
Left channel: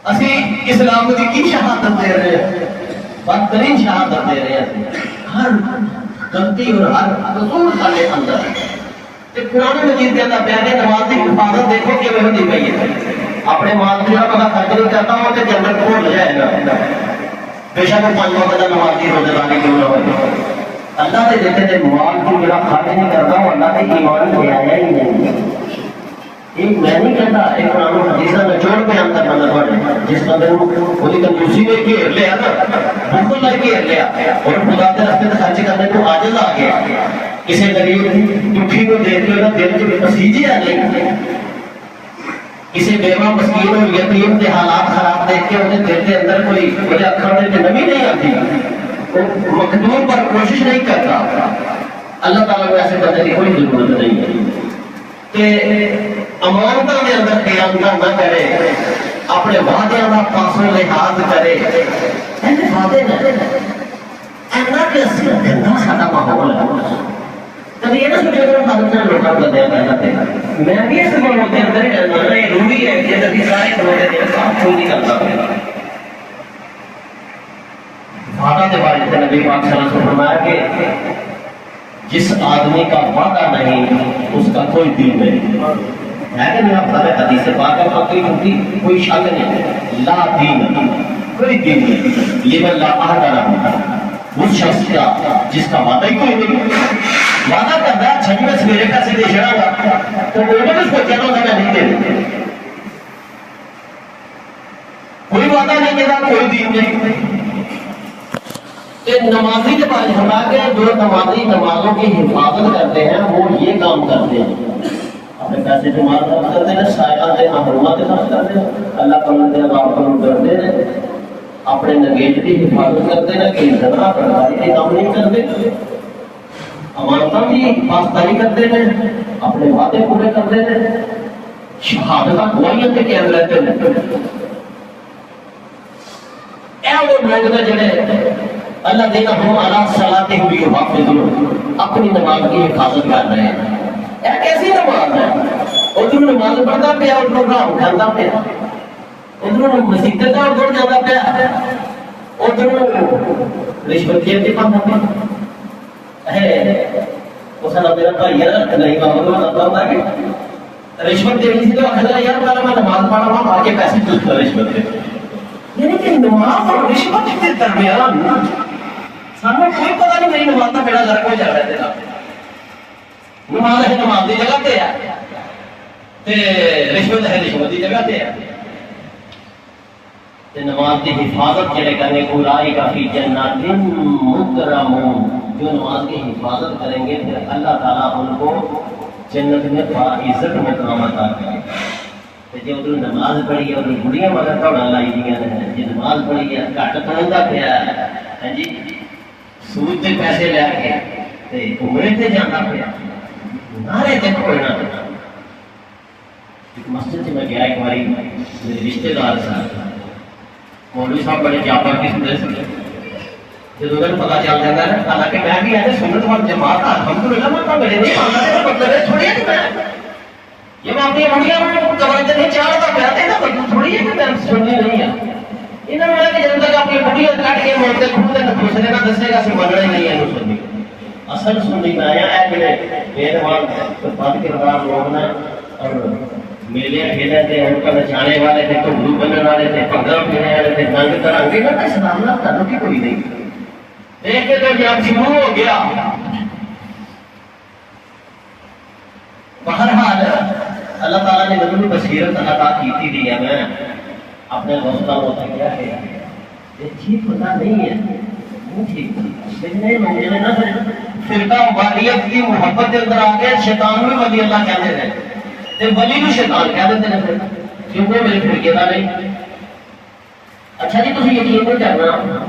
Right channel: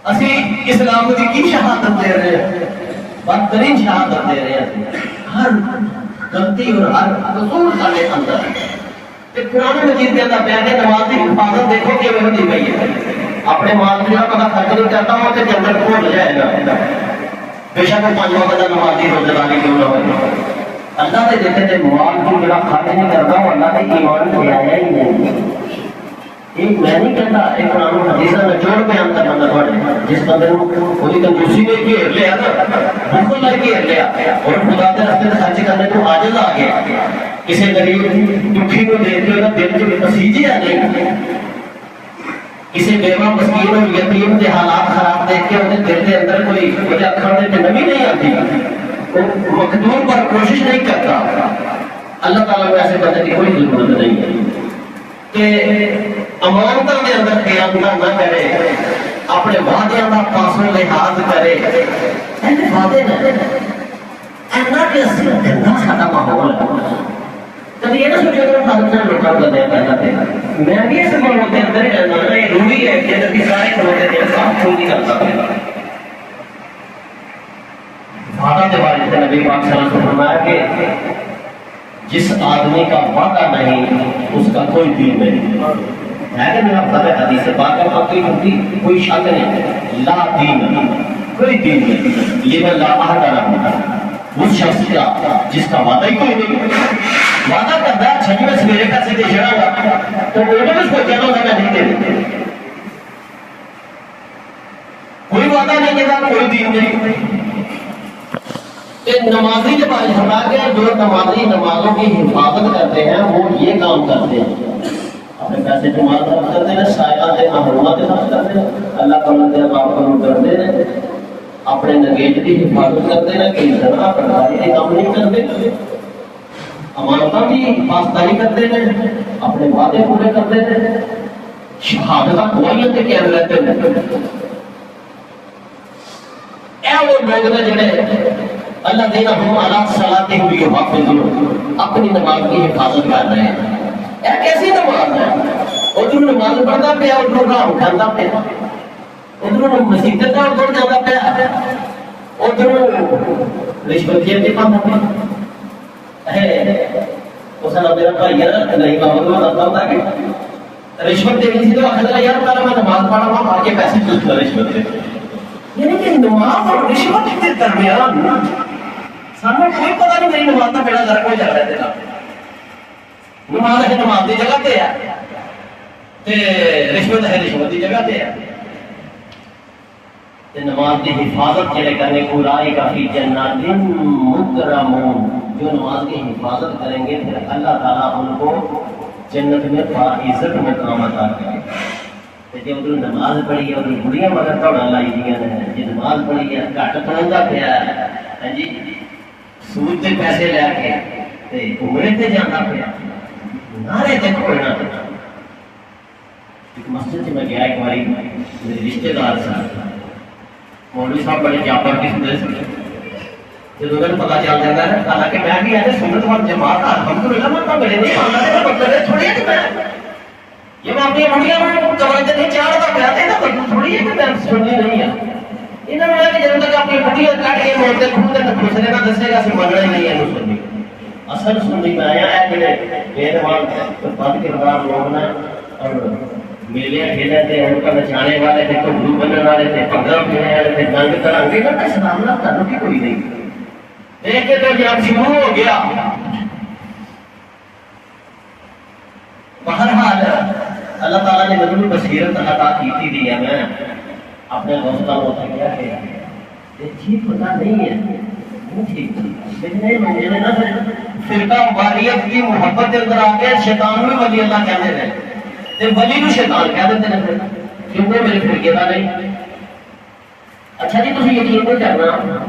اسی اسلام کی شہادت دے رہے ہیں، بدترین شہادت دے رہے ہیں، ہر غلطی اور ہر قصور سارے اندر قرآن مجید کے اندر پیارے نماز کی حفاظت دیکھو کہ ہوتی پئی ہے. اپنے مالک کا پتا خرچ نہیں کرتا ہوں تو جنت کو لے جائے گا. بے شک پانچ وقت نمازی روزانہ کیوں نہ ہو، اللہ نے دیتے تھے مال کو جڑا کھاتے نہیں کرتا وہ اللہ کے ایمان سے آیا ہی نہیں. ایک میں نہیں کہتا، ایک قرآن و حدیث میں چھوڑ کے اندر بندہ پڑے جس کا دل خودی کا دوسری نے گھیر لیا نا، بالکل نہیں گھیر لیا اور خدا کے راستے میں خرچ کرنے کو عادت آ گیا. کسی غریب دکھی کو دیتے ہوئے دل کی پسیجی آ جائے، کسی بیوہ مسکین اور یتیم کے حالات خراب دیکھ کے انہیں دل کے اندر کوئی وجہ کرنے کی نمی نہیں آتی، وہ مقدور پر کوشش نہیں کرتا. اللہ تعالیٰ کو ایسے بندے کی کوئی ضرورت نہیں ہے کہ امانتوں کے اندر خیانت نہ کرے، اپنے وعدے کا پاسوں لحاظ کرے. وعدے نہ کہ سارا ماحول کبھی یہ نہ سوچے کہ پاکستان لوٹا کر دیا کرتے میں بھی اس ماحول کے اندر ہی رہنا ہے. یہ روبی ہے کہ جب سارے کھوتے ہیں صاف چھوڑ نہیں کرتا ہے. وعدہ کے بارے میں نبی پاک صلی اللہ علیہ وسلم نے فرمایا کہ جس آدمی کا وعدہ نہیں اس کا کوئی دین نہیں ہے. کہ میں آپ سارے حدیث سے بات کرتا ہوں، کوئی شک نہیں، لا دین، کوئی دین نہیں. یہ میں لا باہر کر رہا ہوں اس شخص کا جس کا وعدہ ہی کوئی نہیں. وعدہ کرتا ہے چھٹی میں سویرے کا سے دے جڑا گا تو وہ بھی اس کو چلو میں نہیں دے دیتے. کوئی وعدہ نہیں کرتا، کوئی دین نہیں. نمازی کے بارے میں کہ جو نمازی نمازوں کی حفاظت کرتے ہیں وہ یہ کام کرتے ہیں، اپنے پیسے جمع کرتے ہیں، سائلہ کے محرومات کے خرچ کرتے ہیں، اللہ تعالیٰ کے باپ کو کرتے ہیں، اپنے نگیٹ کی حفاظت کرتے ہیں کہ جھگڑا پڑھائی کام نہیں کرتے، امانتوں کی حفاظت نہیں کرتے ہیں، اپنے وعدے پورے کرتے ہیں، شہادت گواہیاں کے کہہ لیتے ہیں. اے وہ لوگ نے جڑے اللہ دینا ہم اللہ صلاح ہوئی حافظ اپنی نماز کی حفاظت کر رہے ہیں. ایک ایسی نماز ہے ادھر نماز پڑھتا پیا ادھر راہ اٹھاتا پیا، ادھر مسیح کا ادھر جاتا پیا، ادھر رشوت جیب کے کھاتا پیا. اس نے میرا بھائی نہیں بابا کو بتاتا ہوں کہ رشوت دینی سی تو آخر یار پہلے میں نماز پڑھا میں آ کے پیسے پوچھتا رشوت دے. یعنی کہ نماز اور رشوت کے درمیان سامنے کوئی پتہ نہیں میری نماز کا بیڑا گرک ہو جا رہا ہے. نماز ہے نماز کی جگہ پہ ہے، رشوت ہے رشوت کی جگہ پہ ہے. نماز کی حفاظت چلے کرنے کو رائی کافی جنات مکرمون، جو نماز کی حفاظت کریں گے پھر اللہ تعالیٰ ان کو جنت میں باعزت مقام عطا کرے گا. جی ادھر نماز پڑھی ہے ادھر بڑھیا مگر دوڑا لائی دیا جی نماز پڑھی ہے گھٹ پڑھا پیا ہے جی سود کے پیسے لے کے عمرے سے جانا پیا نعرے دیکھو. مسجد سے میں گیا ایک باری میرے رشتے دار مولوی صاحب بڑے جاپا کی سنت سے جب ادھر پتا چل جاتا ہے حالانکہ میں بھی ایسے سنت وال جماعت الحمدللہ میں میرے نہیں چھوڑیے کہ میں یہ میں اپنی منڈیاں میں توجہ نہیں چاہتا کہتے ہیں نا تھوڑی ہے کہ میں سننی نہیں ہے. انہوں نے کہ جب تک اپنی منڈیاں کاٹ کے بولتے کھولتے تو دوسرے کا دسے گا سننا نہیں ہے سننی. اصل سننی میں آیا ہے کہ میرے وہاں بند کردار مومنا اور میلے کھیلے تھے ان کا نچانے والے تھے تو گرو بننے والے تھے پگڑ پہننے والے تھے جنگ کرانگے کا اسلام نہ تعلق ہی کوئی نہیں. ایک دن جب شروع ہو گیا بہرحال اللہ تعالیٰ نے ضرور بصیرت عطا کی تھی ہے. میں اپنے ہوتا ہوتا کیا ہے یہ ٹھیک پتا نہیں ہے لیکن فرقہ واریت کی محبت کے اندر آ گئے شیطان میں ولی اللہ کہتے تھے ولی میں شیطان کہہ دیتے ہیں کیونکہ میرے فرقے کا نہیں. اچھا جی تم یقین نہیں کرنا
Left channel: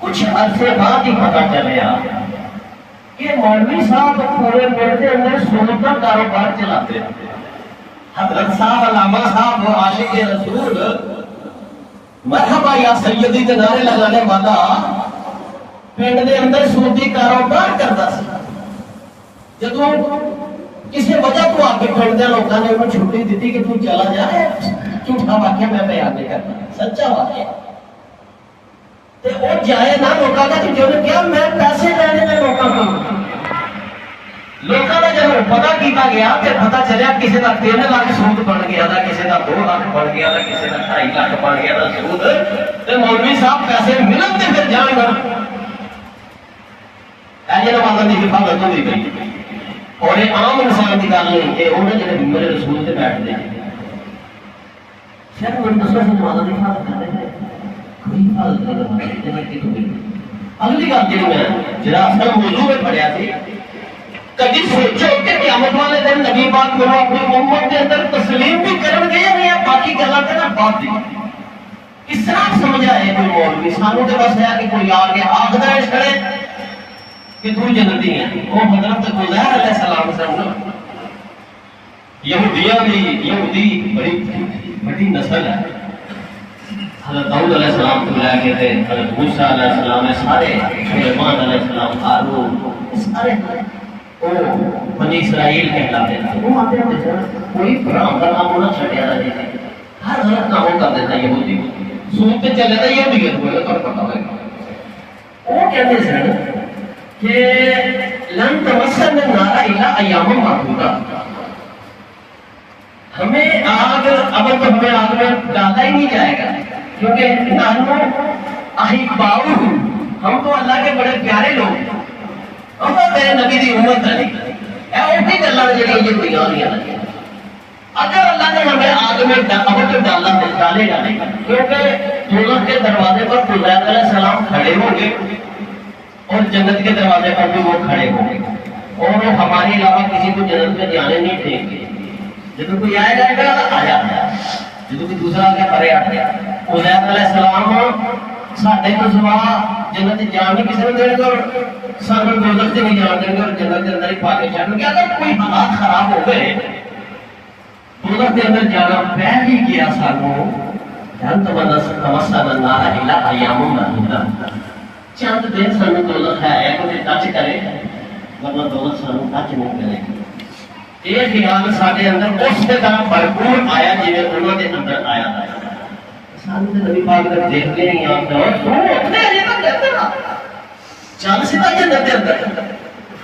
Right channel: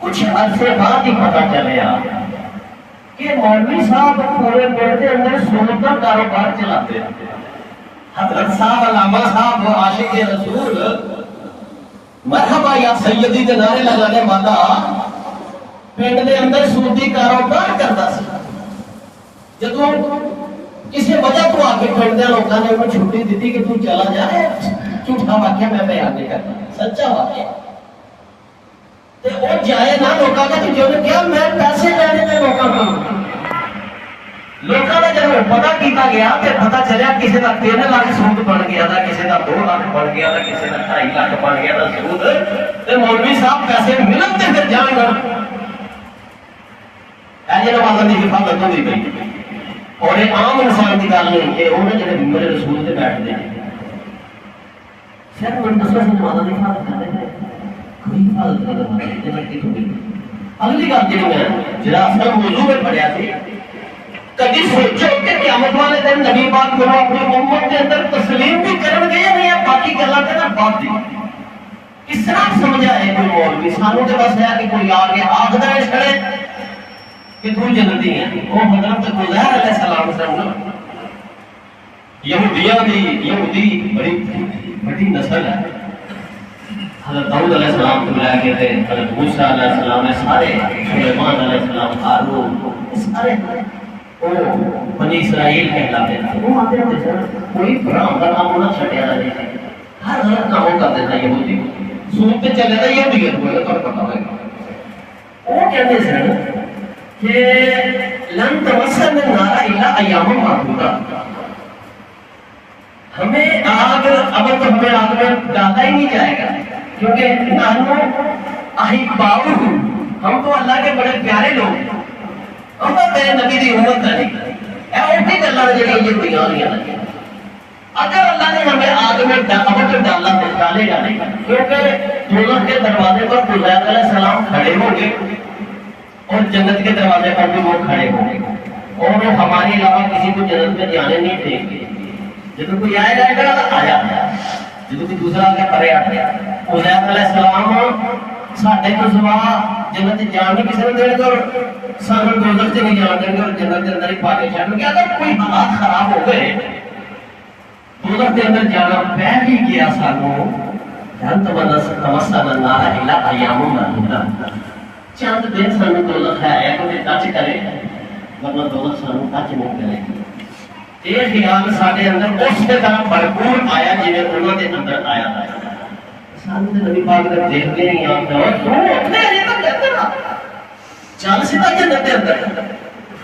کچھ عرصے بعد ہی پتا چلیا کہ مولوی صاحب پورے پیڑ کے اندر سنت کا کاروبار چلاتے ہیں. حضرت صاحب علامہ صاحب عاشق رسول مرحبا یا سیدی کے نعرے لگانے والا پنڈ کے اندر سنتی کاروبار کرتا سی. جب کسی وجہ تو آ کے پنڈ کے لوگوں نے انہیں چھٹی دیتی کہ تو چلا جائے جھوٹا واقعہ میں بیان نہیں کرتا، سچا واقعہ وہ جائے نہ لوگوں کا کہ جو نے کیا میں پیسے لینے میں لوگوں کا لوگوں کا جب پتا کیتا گیا تو پتا چلیا کسی کا 3 لاکھ سود بن گیا تھا، کسی کا 2 لاکھ بن گیا تھا، کسی کا 2.5 لاکھ بن گیا تھا سود، تو مولوی صاحب پیسے ملن تے پھر جان گا ایسے نمازوں کی حفاظت ہوئی گئی اور یہ عام انسان کی گل نہیں ہے، وہ جڑے میرے رسول سے بیٹھتے ہیں صرف ان دسوں سے نمازوں کی حفاظت کرتے ہیں، کوئی حفاظت نہیں کرتے۔ اگلی بات جی میں جڑا اصل موضوع میں پڑھیا تھی، کبھی سوچو کہ قیامت والے دن نبی پاک کرو اپنی امت کے اندر تسلیم بھی کرن گے یا نہیں، باقی گلاں تے نہ بات دی کس طرح سمجھا ہے کوئی مولوی سانو تے بس ہے کہ کوئی آ کے آخدا ہے کھڑے کہ تو جنتی ہے، وہ حضرت عزیر علیہ السلام سے یہودی بڑی نسل ہے، حضرت داؤد علیہ السلام کو لے کے تھے، حضرت موسیٰ علیہ السلام سارے، سلیمان علیہ السلام ہارون سارے بنی اسرائیل کہلاتے تھے، وہ آتے تھے کوئی برام کا کام نہ چھڑیا رہے تھے، ہر کام کرتے تھا یہودی سوت پہ چلے تھا یہودی ہوئے تو پتا ہوئے گا، وہ کہتے تھے کہ لن تمسن النار الا ایام معدودہ، ہمیں آگ اب تو ہمیں آگ میں ڈالا ہی نہیں جائے گا کیونکہ ہم تو اللہ کے بڑے پیارے لوگ ہیں، ہم تو تیرے نبی کی امت نہیں اے اٹھی گلاں جڑیاں یہ ہوئی آ رہی ہیں، اگر اللہ نے ہمیں آگ میں اب تو ڈالا تو ڈالے گا نہیں کیونکہ دوزخ کے دروازے پر عزیر علیہ السلام کھڑے ہوں گے اور جنت کے دروازے پر بھی وہ کھڑے ہوں گے اور وہ ہمارے علاوہ کسی کو جنت میں جانے نہیں دیں گے، جب کوئی آئے گا آیا جب کوئی دوسرا آگے پرے آ گیا عزیر علیہ السلام ساڈے کو سوا جنت جان نہیں کسی نے دے گا اور سانو دوزخ سے نہیں جان دیں گے اور جنت کے اندر ہی پا کے چھڈ گے، اگر کوئی حالات خراب ہو گئے دوزخ کے اندر جانا پہ ہی گیا سانو تمسن النار الا ایام معدودہ، چند دن سانو دوزخ ہے کوئی ٹچ کرے ورنہ دوزخ سانو ٹچ نہیں کرے گی۔ یہ خیال سارے اندر اس طرح بھرپور آیا جی انہوں نے اندر آیا تھا، سانو تے نبی پاک نے دیکھ لے نہیں آتا چل سیدھا جنت کے اندر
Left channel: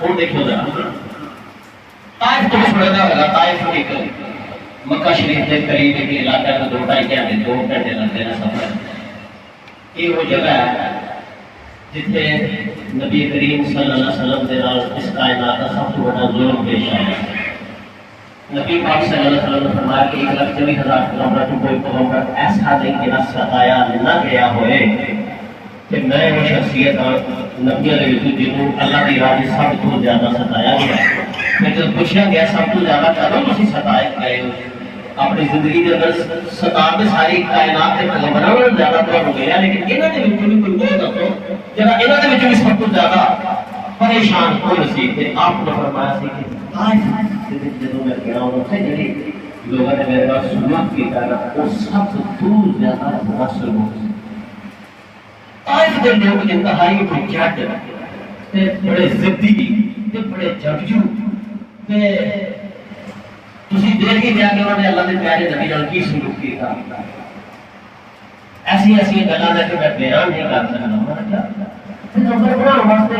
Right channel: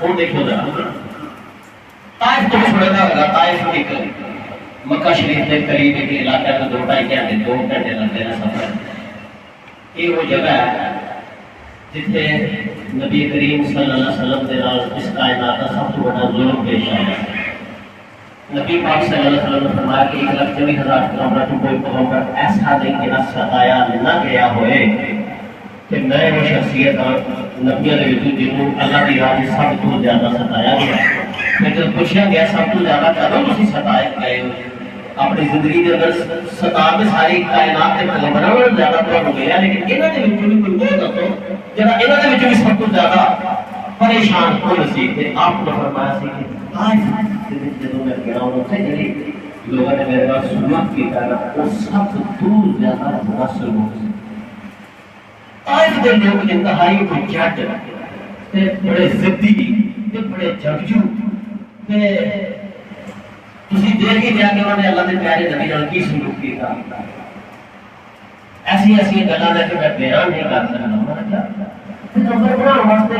وہ دیکھو ذرا طائف تو چھوڑا ہوگا، طائف ایک مکہ شریف کے قریب ایک علاقہ کا 2-2.5 گھنٹے 2 گھنٹے لگتے ہیں سفر، یہ وہ جگہ ہے جتنے نبی کریم صلی اللہ علیہ وسلم کے نال اس کائنات کا سب سے بڑا ظلم پیش آیا۔ نبی پاک صلی اللہ علیہ وسلم نے فرمایا کہ 1,24,000 کلومیٹر کو کوئی کلومیٹر ایسا نہیں کہ نہ ستایا نہ گیا ہوئے کہ میں وہ شخصیت نبیوں کے وچ جنوں اللہ کی راہ سب تو زیادہ ستایا گیا، پھر جب پوچھا گیا سب تو زیادہ کدوں تسی ستائے گئے ہو اپنی زندگی کے اندر ستا کے ساری کائنات کے پیغمبروں نے زیادہ تو ملیا، لیکن انہاں دے وچ کوئی دسو جڑا انہاں دے وچ بھی سب تو زیادہ پریشان کون سی؟ تے آپ نے فرمایا سی کہ لوگوں نے میرے پاس سنت کی طرح وہ سب تو زیادہ مؤثر ہو آج دے لوگ انتہائی بھجٹ بڑے ضدی بڑے جنگجو تسی دیکھ ہی جا کے انہوں نے اللہ کے پیارے نبی نال کی سلوک کیتا، ایسی گلاں دے میں بیان نہیں کر سکتا، نمبر بناؤ واسطے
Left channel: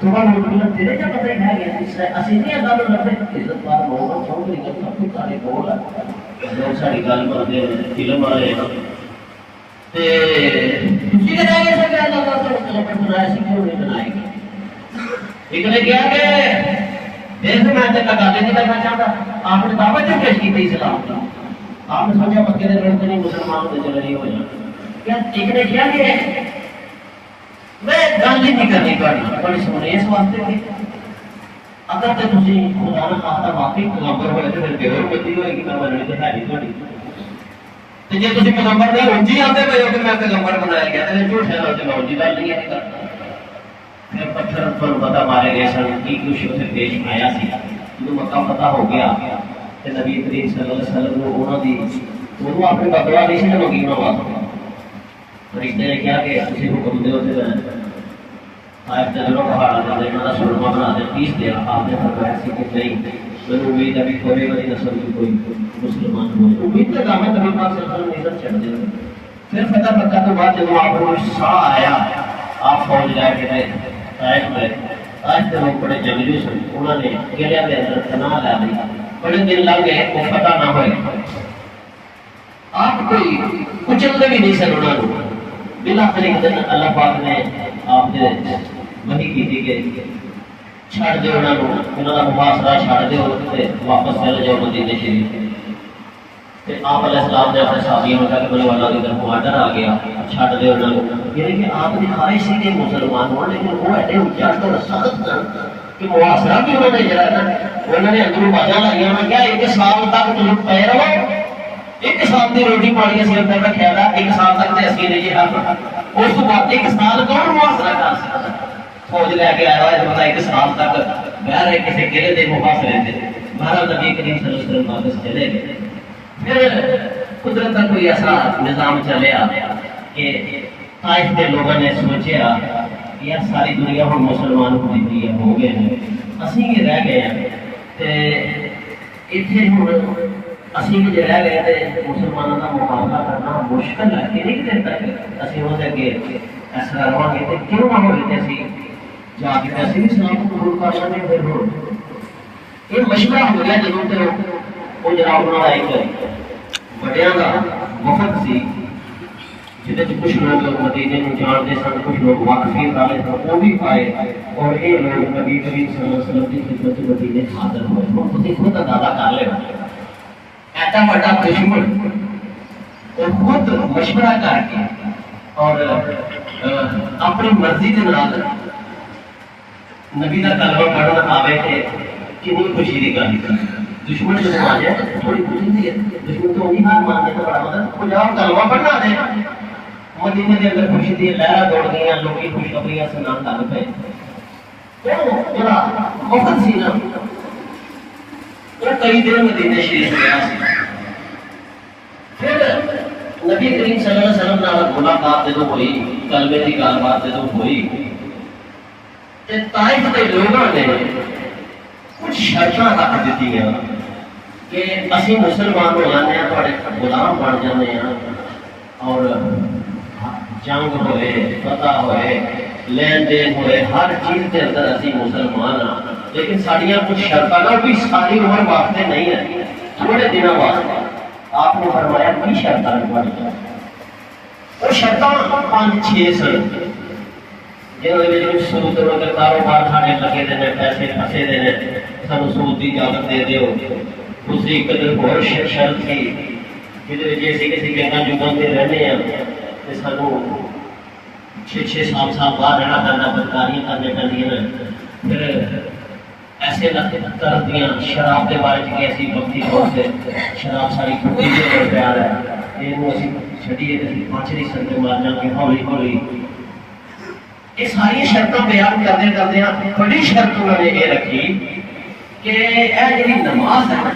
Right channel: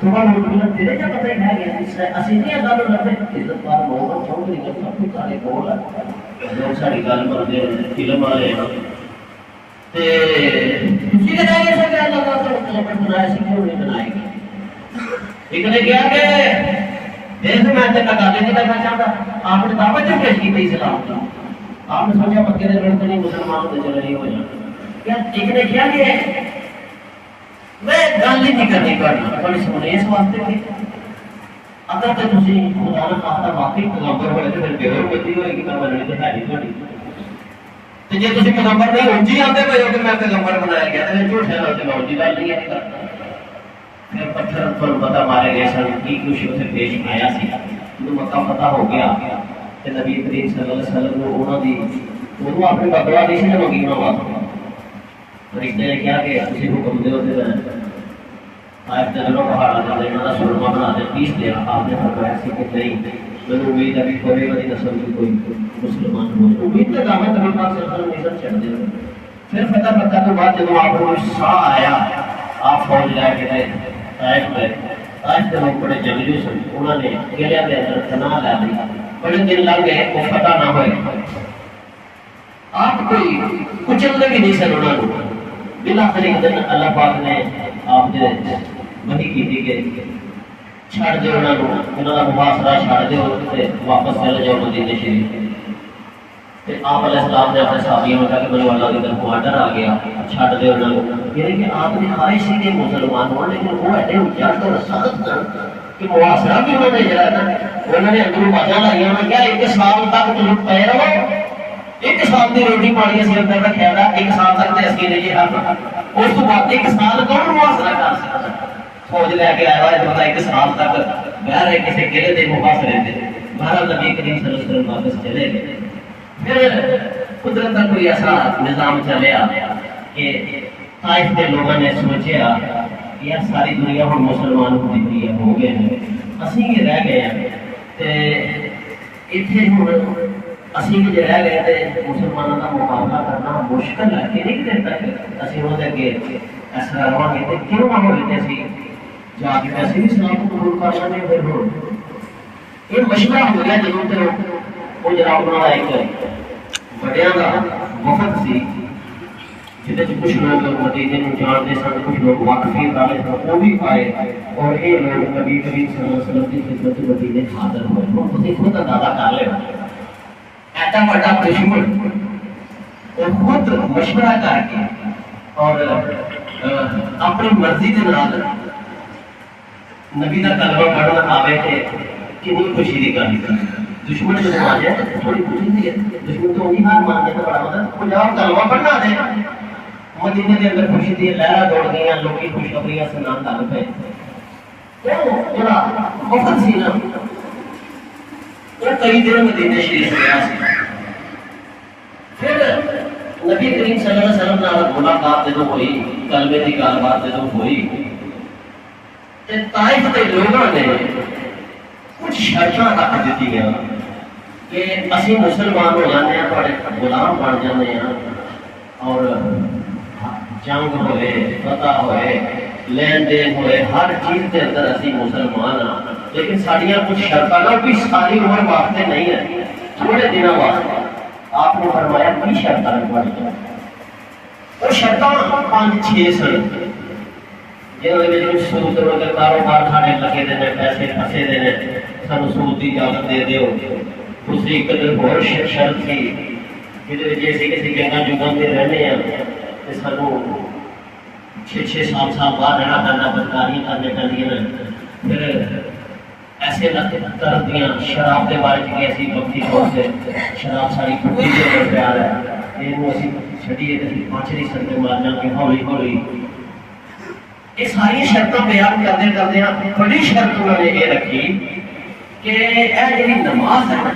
تھوڑا مطلب تیرے جا پتہ ہے گیا اسی نہیں اللہ نے رکھے عزت وار محمد چودھری کا سب کچھ سارے کول ہے لوگ ساری گل کرتے فلم والے تے تسی کہہ گئے سب اللہ کا مطلب بنایا سی کیوں نہیں بنائے گی، ایک نے کہا کہ دیکھ میں تے گل نہیں کرنا چاہتا، آپ نے دعوت جو پیش کی تھی اسلام کی، آپ نے سوچا مکے دے لڑکے نہیں مسلمان تے چلے نہیں ہو جانا، کیا ایک نے کیا کہ میں گل نہیں کرنی بڑی سونے اس واسطے اگر تو تسی خدا نے خاصا واقعی پیغمبر ہوئے تو پھر پیغمبر بچی ہوئے گی پیغمبر تو ہے نہیں تھوڑی تے جے تسی پیغمبر نہیں اونجی آتے ہوئے ہو کہ میں پیغمبر بنایا گیا تے جھوٹے نال تے اونجی گل نہیں ہے کرتا، پھر پتھر پر پتہ مارے گئے سن کی کچھ اسے پیش آیا سی تو مکہ فتح ہو گیا تے نبی کریم صلی اللہ علیہ وسلم نے انہاں دی وہ اپنی بدلا نہیں سی منگی انہاں واسطے فرشتے نے کہا کہ اسی حکم دے تے آج جنگلوں پہاڑ آتے ہیں مطلب سلما بنا دیں 20 دیا آپ نے فرمایا سی کہ نہیں ضرور امید ہے کہ تھوڑی بڑی نسل کی کوئی مسلمان ہو امید تو دامت میں پاس سلطان عزت چڑھ دے پھر فتح مکہ تو بعد جب آپ کو سا آیا آپ فوج لے کے گئے طائف میں آج کے لوگ بڑے جنگلی سن انہوں نے گلیا کے اندر تنا لا دیا بڑے دن لگ گئے وہ فتح نہ ہوئے آپ کوئی کچلتے بھی نہیں سن انہوں نے بلا خریق دن اللہ پاک نے آپ نے وحی کی تھی کہ چھاڑ دے انہوں نے انہوں نے محاصرہ چھاڑ دے اور واپس چلے جاؤ مدینے شریف کہ آپ علیہ السلام نے اپنے صحابیوں میں کہا کہ بڑے اللہ کی طرف کمانڈر آ گیا چھاڑ دے انہوں نے یعنی کہ آپ نے خواہش ہی کہ مسلمان ہوں لیکن وہ ایسے اجازت اور رسالت نہ کہ محاصرہ بھی انہوں نے جڑا نا انہوں نے اندروں بازاں لائیاں انہوں نے کہا ایک سال تک تم پہ رہو ایک سال کی روٹی پانی اسی اندر رکھا تھا ایک سال تک تے اسی نہیں حل اس کو بعد ایک سال کون محاصرہ کر سکتا فوج لے کے آیا ہے بتا ایک سال تک بہر کسی قلعے دے محاصرے تھے بہرحال نبی کریم صلی اللہ علیہ وسلم واپس چلے گئے پھر قدرت کا کوئی ایسا نظام چلیا کہ طائف کے لوگوں نے سوچا کہ یہ ساری دنیا ہم مسلمان ہو گئے ہیں اسی یہ رہ گئے ہیں اتنے اسی بھی رہ گئے تھے مسلمانوں کا مقابلہ کرنا مشکل ہے کہ نہیں دن تک اسی ہو سکے ایسا رہا گے تو کیوں نہ ہوتے اسی جا کے ایسے بھی اسلام کو قبول کر سکے پھر ہو یہ مشورہ ہو گیا جب تو وہ جناب بنا ایک بڑیاں کا وفد سی جہاں کچھ لوگ مدینے کو جانتے سن کچھ لوگ واقفین والے وہ بھی پائے اور یہ لوگ نبی کریم صلی اللہ علیہ وسلم کی خدمت مدینے حاضر ہوئے تو دیکھو تو دادا کر لے ایسا بڑا دشمن اور خود مشورہ کر کے اور اپنی مرضی کے نال نبی کا کلمہ پڑھنا آوے تھے کنی خوشی کی گل دشمن جو آ جائے تھوڑی خوشی تھی دشمن تو نہیں ہار مان دیتا بڑا مطلب کچھ آپ کلمہ پڑھنا دے مدینے کے اندر خوشی تھی لہرا دوڑ گئی لوگ خوشخبریاں سنان لگ پے بڑا وقت سی نا وہ کئی دن مدینے شریف گیا پھر نبی کریم صلی اللہ علیہ وسلم نال ملاقات جدوں ہوئی کلمے کی گل بات جدوں ہوئی تے طائف کے لوگوں نے کچھ شرطاں رکھ دیتی ہیں کہ اسی مسلمان ہو جاتے ہیں بڑے غلام بن جاتے ہیں اور جنگ ہوئے فتح ہوئے لین دین ہوئے ہر چیز کے اندر اسی مسلمان ہاں لیکن ساڑیاں کچھ شرطاں نہ بھی ساری عمر واسطے نہیں ہیں تھوڑے دنوں واسطے آپ نے فرمایا کی شرطاں پڑھ جائے اور شرطاں 5-6 سن جنہوں سود مگر کاروبار ساڑے لگے دینے پیسے پھنسے دینے سب سود کی اجازت دے دے دوسری قدر اور شرط تھی جدھر جیسی کسی جگہ جگانتے رہنے ہیں سانو 6-6 سال بعد رہنا کرنا بدکاریاں کرنے کرنی پھر ایسے کر دیا شراب کے بارے میں ایسی وقتی طور سے شراب ساری کھڑی کے پیار ہے یہ اسی چھڑیے کسی 5 نہیں سکتے مار جانے ہولی ہولی یہ ساری شرطیں بیان کرتے کرتے بڑی شرط انہوں نے یہ رکھی کہ یہ جی نماز ہے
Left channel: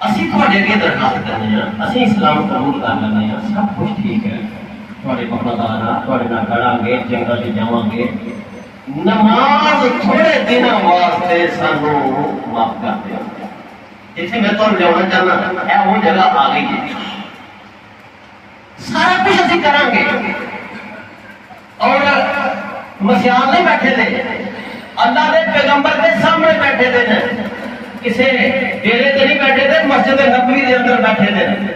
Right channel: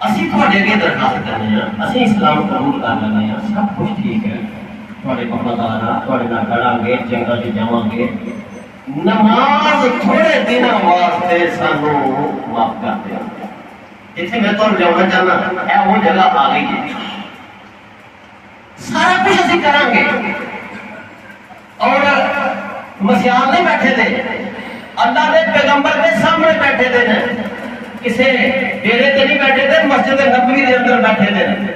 اسی تھوڑے اگے درخواست کرنے ہیں اسی اسلام قبول کر لینے ہیں سب کچھ ٹھیک ہے تھوڑے وفادار ہیں تھوڑے نہ کڑاں گے جنگل سے جاواں گے نماز تھوڑے دنوں واسطے سانو معاف کر دیا اتنے میں تو لیا چاہنا ہے وہ جگہ آ گئی ہے سارا کچھ اسی کریں گے اور مسیحان نہیں بیٹھے تھے اللہ کے پیغمبر کے سامنے بیٹھے تھے کسی ڈیرے سے نہیں بیٹھے تھے مسجد نبوی کے اندر بیٹھے تھے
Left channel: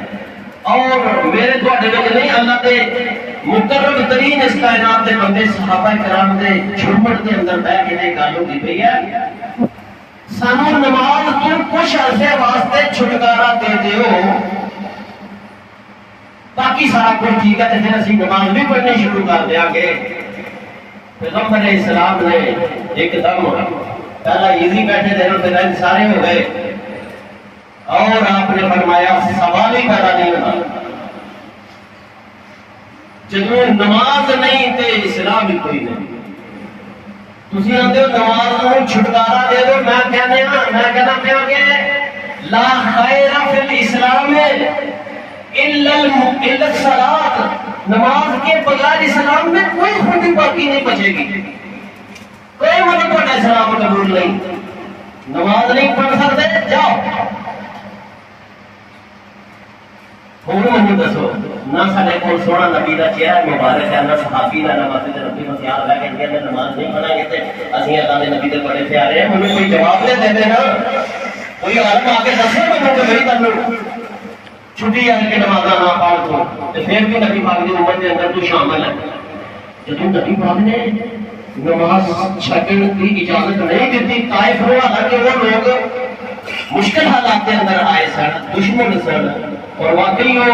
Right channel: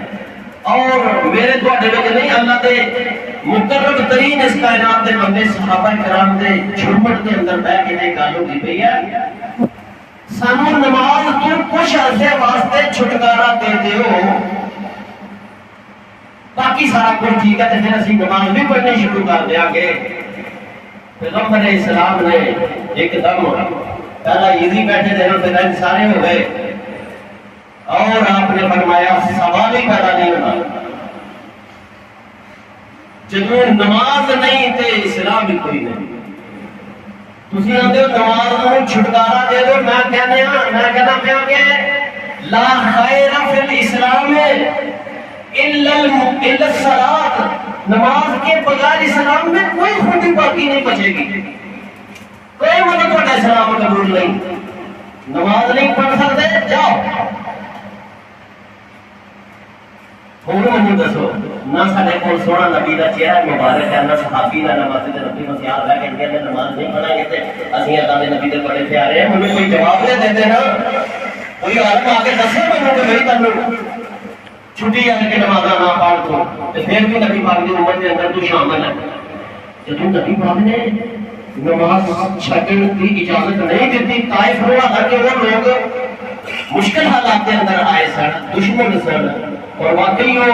اور میرے تھوڑے نہیں اللہ کے مقرب ترین اس کائنات کے بندے صحابہ کرام کے جھوپڑ کے اندر بیٹھ کے گل کی پئی ہے سانو نماز تو کچھ عرصے واسطے چھٹکارا دے دیو باقی سارا کچھ ٹھیک ہے تو پھر اسی نماز بھی پڑھنی شروع کر دیا کہ پیغمبر علیہ السلام نے ایک دم پہلا ایزی بیٹھے تھے پھر سارے ہو گئے اور آپ نے فرمایا سوال ہی پیدا نہیں ہونا جب نماز نہیں تے اسلام ہی کوئی نہیں تسی آندے ہو نماز کو چھٹکارا دے دو میں کہنا کہ لا خیر فی الاسلام الا الصلاۃ نماز کے بغیر اسلام میں کوئی خوبی باقی نہیں بچے گی، کوئی مطلب کا اسلام قبول نہیں، نماز نہیں پڑھ سکتے جاؤ مجھے دسو نہ سارے کو سونا نبی کا چہرہ مبارک ہے، نہ صحابی نہ مسجد نبی میں خیال ہے کہ نماز نہیں پڑھا گے اسی اللہ کے نبی کے بڑے پیارے ہیں، مجھے کوئی جواب دے دیتے نا، کوئی عالم آ کے دسے مجھے کہ میری تنو چھٹی آ کے نماز نہ پڑھ تو پھر بھی نبی پاک کی امت کے اندر تو شامل ہے۔ جب نبی پاک نے نماز چھڈن کی اجازت نہیں دیتی، طائف ہوا حالانکہ وہ لوگ مشکل حالات کے اندر آئے سن، دشمن سن، اور واقعی وہ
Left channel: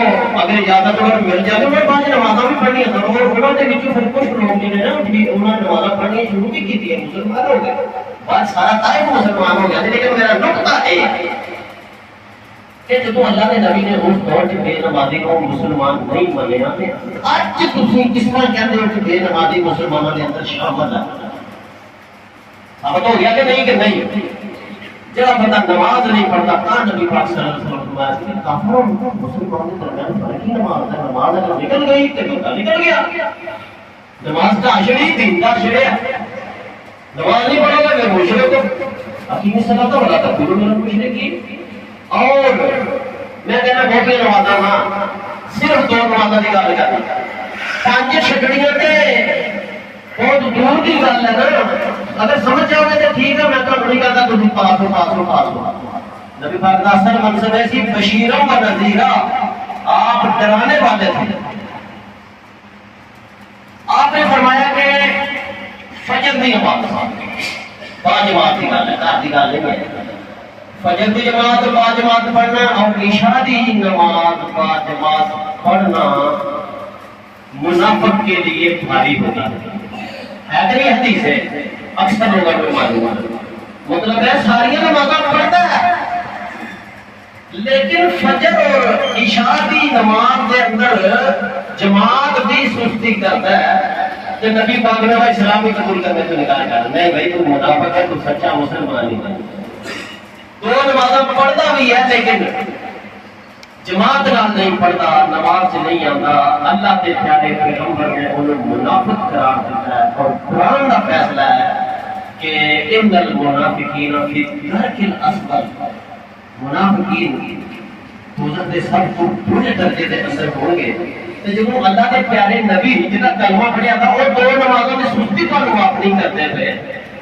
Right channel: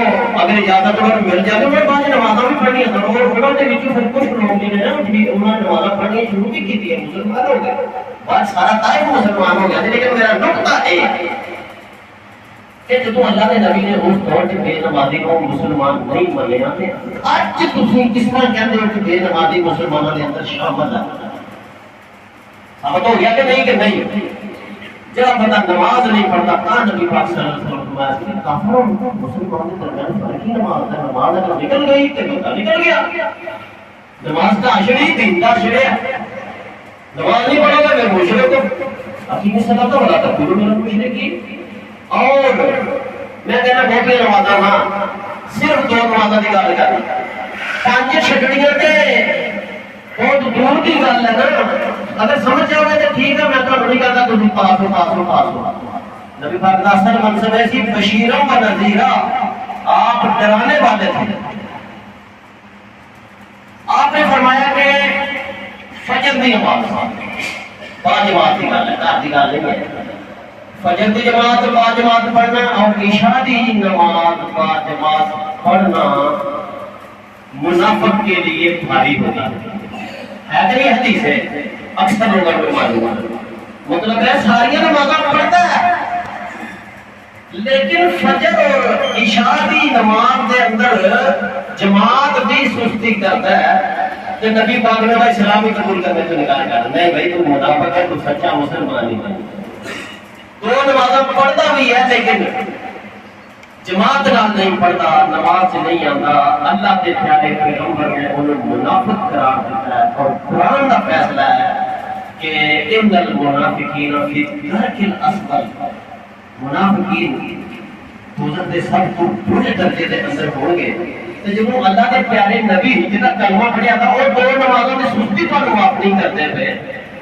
اگر اجازت مل جائے تو بعد نمازاں بھی پڑھنی تھا، اور انہوں نے پھر کچھ لوگ جنہیں نا انہوں نے نمازاں پڑھنی شروع بھی کی تھی، مسلمان ہو گئے، بعد سارا طائف مسلمان ہو گیا، لیکن میرا نقطہ ہے کہ جب اللہ کے نبی نے اس دور کے بے نمازی کو مسلمان نہیں منیا، اج تسی کس طرح کہتے ہو کہ بے نمازی مسلمانوں کے اندر شامل ہے؟ اب تو ہو گیا کہ نہیں جب بندہ نماز نہیں پڑھتا کہاں نبی پاک صلی اللہ علیہ وسلم فرمایا کہ کافروں مسلمانوں کے درمیان فرق ہی نماز ہے، نماز اگر نکل گئی تو بندہ نکل گیا، نماز کا عشر ہی دین کا عشر ہے، نماز نہیں پڑھے گا پھر مشرک کو حکیم صلاح تو بڑا تھا پورے مشرک کی۔ اور میں کہنا بہت نمازاں ہاں صرف دو نمازاں کی گل کر پانچ چھٹڑیاں تے بہت دور کی گل ہے نا، اگر سمجھ جاؤ تو ٹھیک ہے، میں تو نہیں کہتا تم پاس ہو۔ نبی پاک کا اصل منصب ہے سی بشیروں و نذیرہ، آپ ڈرانے والے تھے۔ آپ نے فرمایا کہ فجر کی نماز پانچ جماعت کی گل ہے، گھر کی گل نہیں ہے، فجر کی جماعت پانچ جماعت پڑھنا اور عشاء کی نماز پانچ جماعت پڑھنا منافق کے لیے بھاری ہوگا، ہے کہ نہیں حدیث ہے، اکثر لوگوں کو معلوم ہے، مطلب ہے ساری نمازاں پڑھتا ہے لیکن فجر اور عشاء کی نماز کے اندر جماعت بھی سستی کرتا ہے، کہ نبی پاک نے اسلامی قبول کرنے سے انکار کر نہیں بھائی تو منافق ہے، تو سچا مسلمان نہیں بن، دو نمازاں پڑھتا بھی ہے لیکن جماعت رات نہیں پڑھتا، نماز سے نہیں آتا، اللہ کے پیارے پیغمبر نے انہیں منافق قرار دیتا ہے، اور قرآن کا فیصلہ ہے کہ ان المنافقین فی الدرک الاسفل، منافقین دوزخ کے سب کو بڑے درجے کے اندر ہوں گے۔ تو جب وہ اللہ کے پیارے نبی جنہاں کلمہ پڑھیا تھا اور دو نمازوں کی سستی پر معاف نہیں کرتے تھے،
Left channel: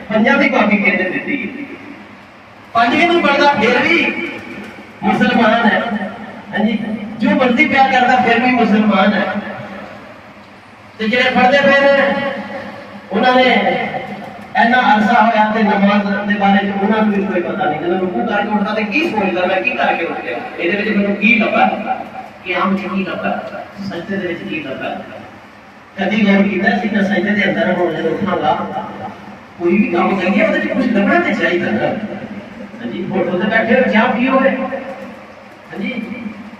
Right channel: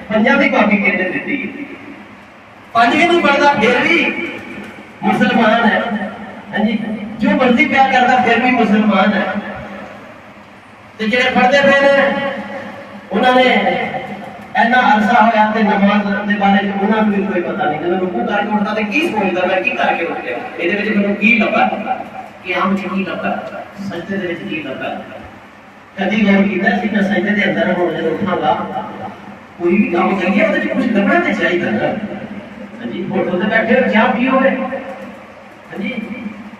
پنجہ بھی کافی کہتے دیتی ہے، پانچ بھی نہیں پڑھتا پھر بھی مسلمان ہے، جو مرضی پیار کرتا پھر بھی مسلمان ہے۔ تو جڑے پڑھتے پھر انہوں نے ایسا عرصہ ہوا کہ نماز کے بارے میں انہوں نے بھی کوئی پتہ نہیں، جب رکوع کر کے اٹھتا تو کی سوچتا میں کی کر کے اٹھ گیا، یہ مجھے کی لبا کہ ہم کی لبا سجدے دے وچ کی لبا، کبھی غور کیتا جتنا سجدے دے اندر ہو جائے اٹھا گا کوئی بھی کام کریے وہ کچھ لبنا تے چاہیے نا جی، فوٹو تے بیٹھے ہو جہاں بھی ہوئے جی،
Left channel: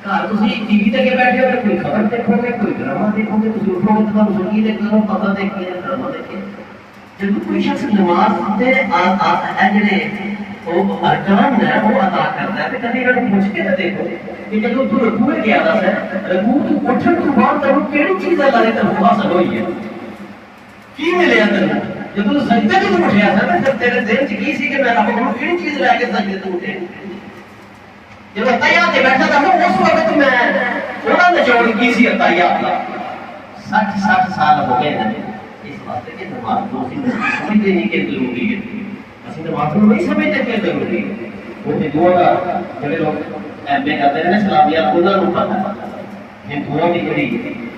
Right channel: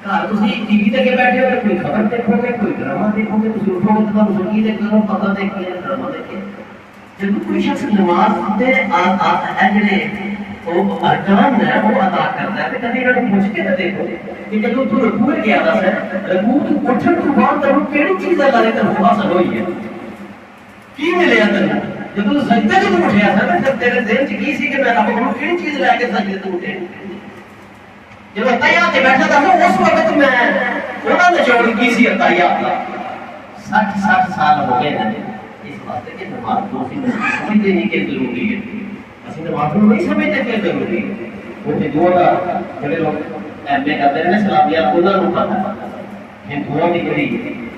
گھر تسی ٹی وی تے بیٹھے ہو کوئی خبر دیکھو گے، کوئی ڈرامہ دیکھو گے، تسی اٹھو گے تو بزرگی دیکھو، پتہ دیکھو، ڈرامہ دیکھو، جب کوئی شخص نماز دے جڑے وہ ارکان ہے وہ ادا کرتا ہے، کبھی انہوں نے پوچھ کے دیکھو کہ جب تو رکوع کیا تھا رکوع تو اٹھن تو بعد تمہیں کیڑی چیز اللہ نے تمہیں حاصل ہوئی ہے، کی ملیا تمہیں جب تو سجدے تو اٹھیا تھا نا، جب تیرے ذہن چ کی سی کہ میں رب کو کیڑی چیز لے کے سجدے تو اٹھے، جب اتحیات بیٹھا تھا اس وقت میں انہوں نے جوڑ کی سی اتحیات کا 60 سال ہو گئے اس واسطے کہ نماز تو سمجھتے نہیں کہ ضروری ہے، اسی نماز کو نہیں سمجھتے کہ ضروری ہے، وہ ہندوؤں کا جڑے لوگ ایم اے کرتے ہیں اسلامیہ انہوں نے پتہ ہندوؤں کی جڑی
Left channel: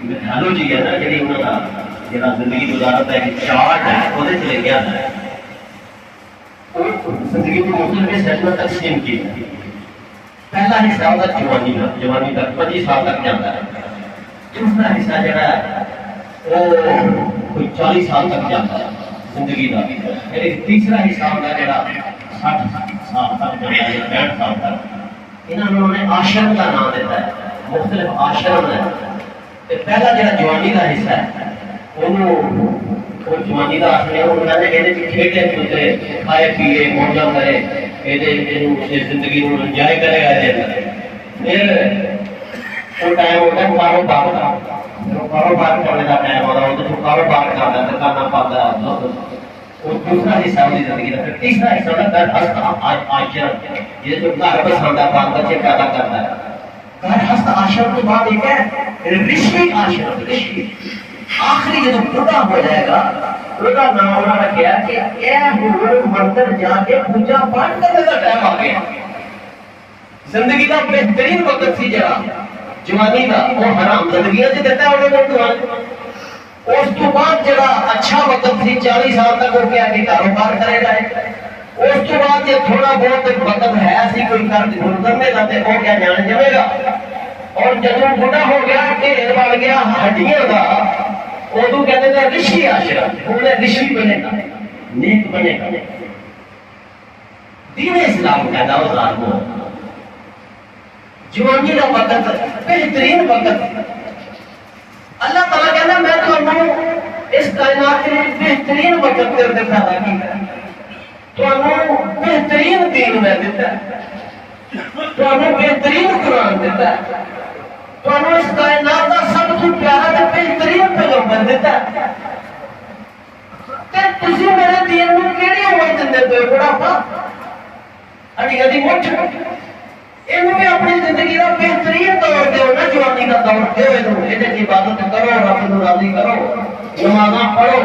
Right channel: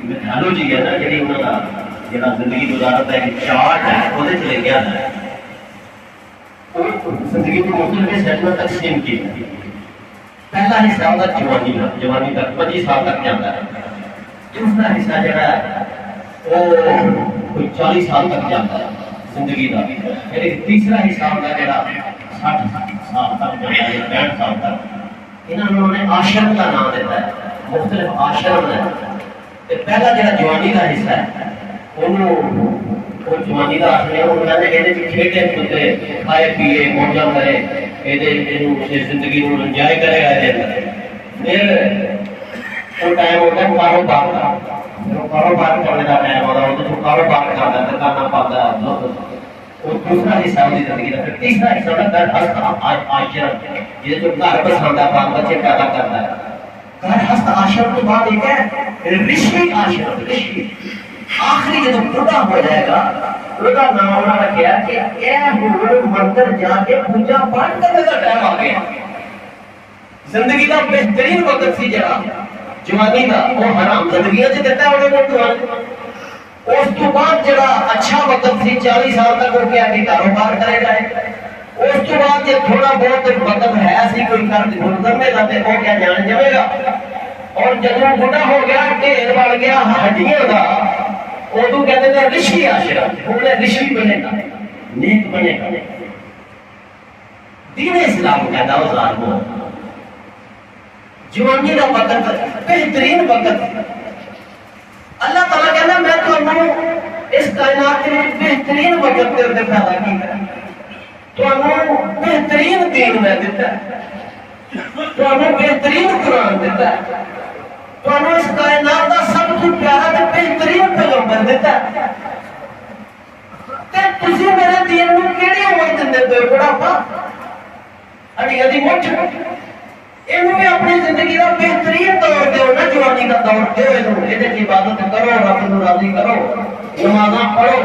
میتھالوجی ہے نا، جڑی انہوں کا جڑا زندگی گزارت ہے کہ چارٹ ہے وہ چلے گیا ہے، زندگی کو مختلف حصوں میں تقسیم کی، پہلا حصہ ہوتا ہے جوانی تک 25 سال تک جاتا ہے، دوسرا حصہ جڑا ہے وہ کوئی 40 سال تک جاتا ہے زندگی کا، تیسرا حصہ ہوتا ہے جڑا 60 سال تک جاتا ہے، 65 سال تک، انہوں نے عاشر کا نام دیتا ہے، مختلف عاشر ہے، پہلا جڑا جوانی کا حصہ ہے وہ جوانی کا آخر ہے، وہ کہتے ہیں کھیلے کودے کھائے پیے موجہ کرے، یہ زندگی کو انجوائے کرے گا، پھر وہ ٹائم ہوتا ہے کاروبار کا، کاروبار حصہ ہوتی زندگی کا، پھر تیسرا حصہ ہوتا ہے گھر ہست عاشر، یہ جو گھر پسند بال بچے پیدا کرتا ہے. گھر ہست عاشر کے بعد ایک ہے رشی عاشر، رشی آخری جب بڑا ہو جائے گا بڑا نام انہوں نے کیا کہ اے مردر جا کے پوجا پاٹ کرنے کا ٹائم آ گیا. زندگی کا بہترین وقت سی جگہ جوانی کا وہ حرام زندگی سے دیتا ہے انہوں نے. اس تو بعد جڑا اچھا وقت سی 40 سال تک وہ کیا کہ کاروبار کرے گا. اس کے بعد جب تھوڑا بہت وقت ہے ایسی کوئی کرنے جاتے وہ کیا جان جمے گا. اور جب وہ بڑا ہو گیا کہ بن گیا ہڈیاں کا وہ کہتے تھے رشی عاشر، انہیں رشی بنے گا، نیک بنے گا. دین اسلام پیدا ہو ظالموں. جوانی کا وقت بہترین وقت اللہ تعالیٰ کہنا میں تمہیں اس کائنات کے بہترین وقت کے پیدا کیا، تمہیں بہترین دین میں دیتا ہے، تمہیں بہترین قرآن دیتا ہے، تمہیں اس کائنات کا سب سے پیارا بہترین پیغمبر دیتا ہے. تسی میرے دین میں کیڑی عمر دیندے پے بڑھاپا اڈی اڈی مٹھ انہوں نے اپنی زندگی کا بہترین دور دو نا جوانی کا دور دو یہ عبادت کرو رب کو راضی کرو نمازاں پڑھو.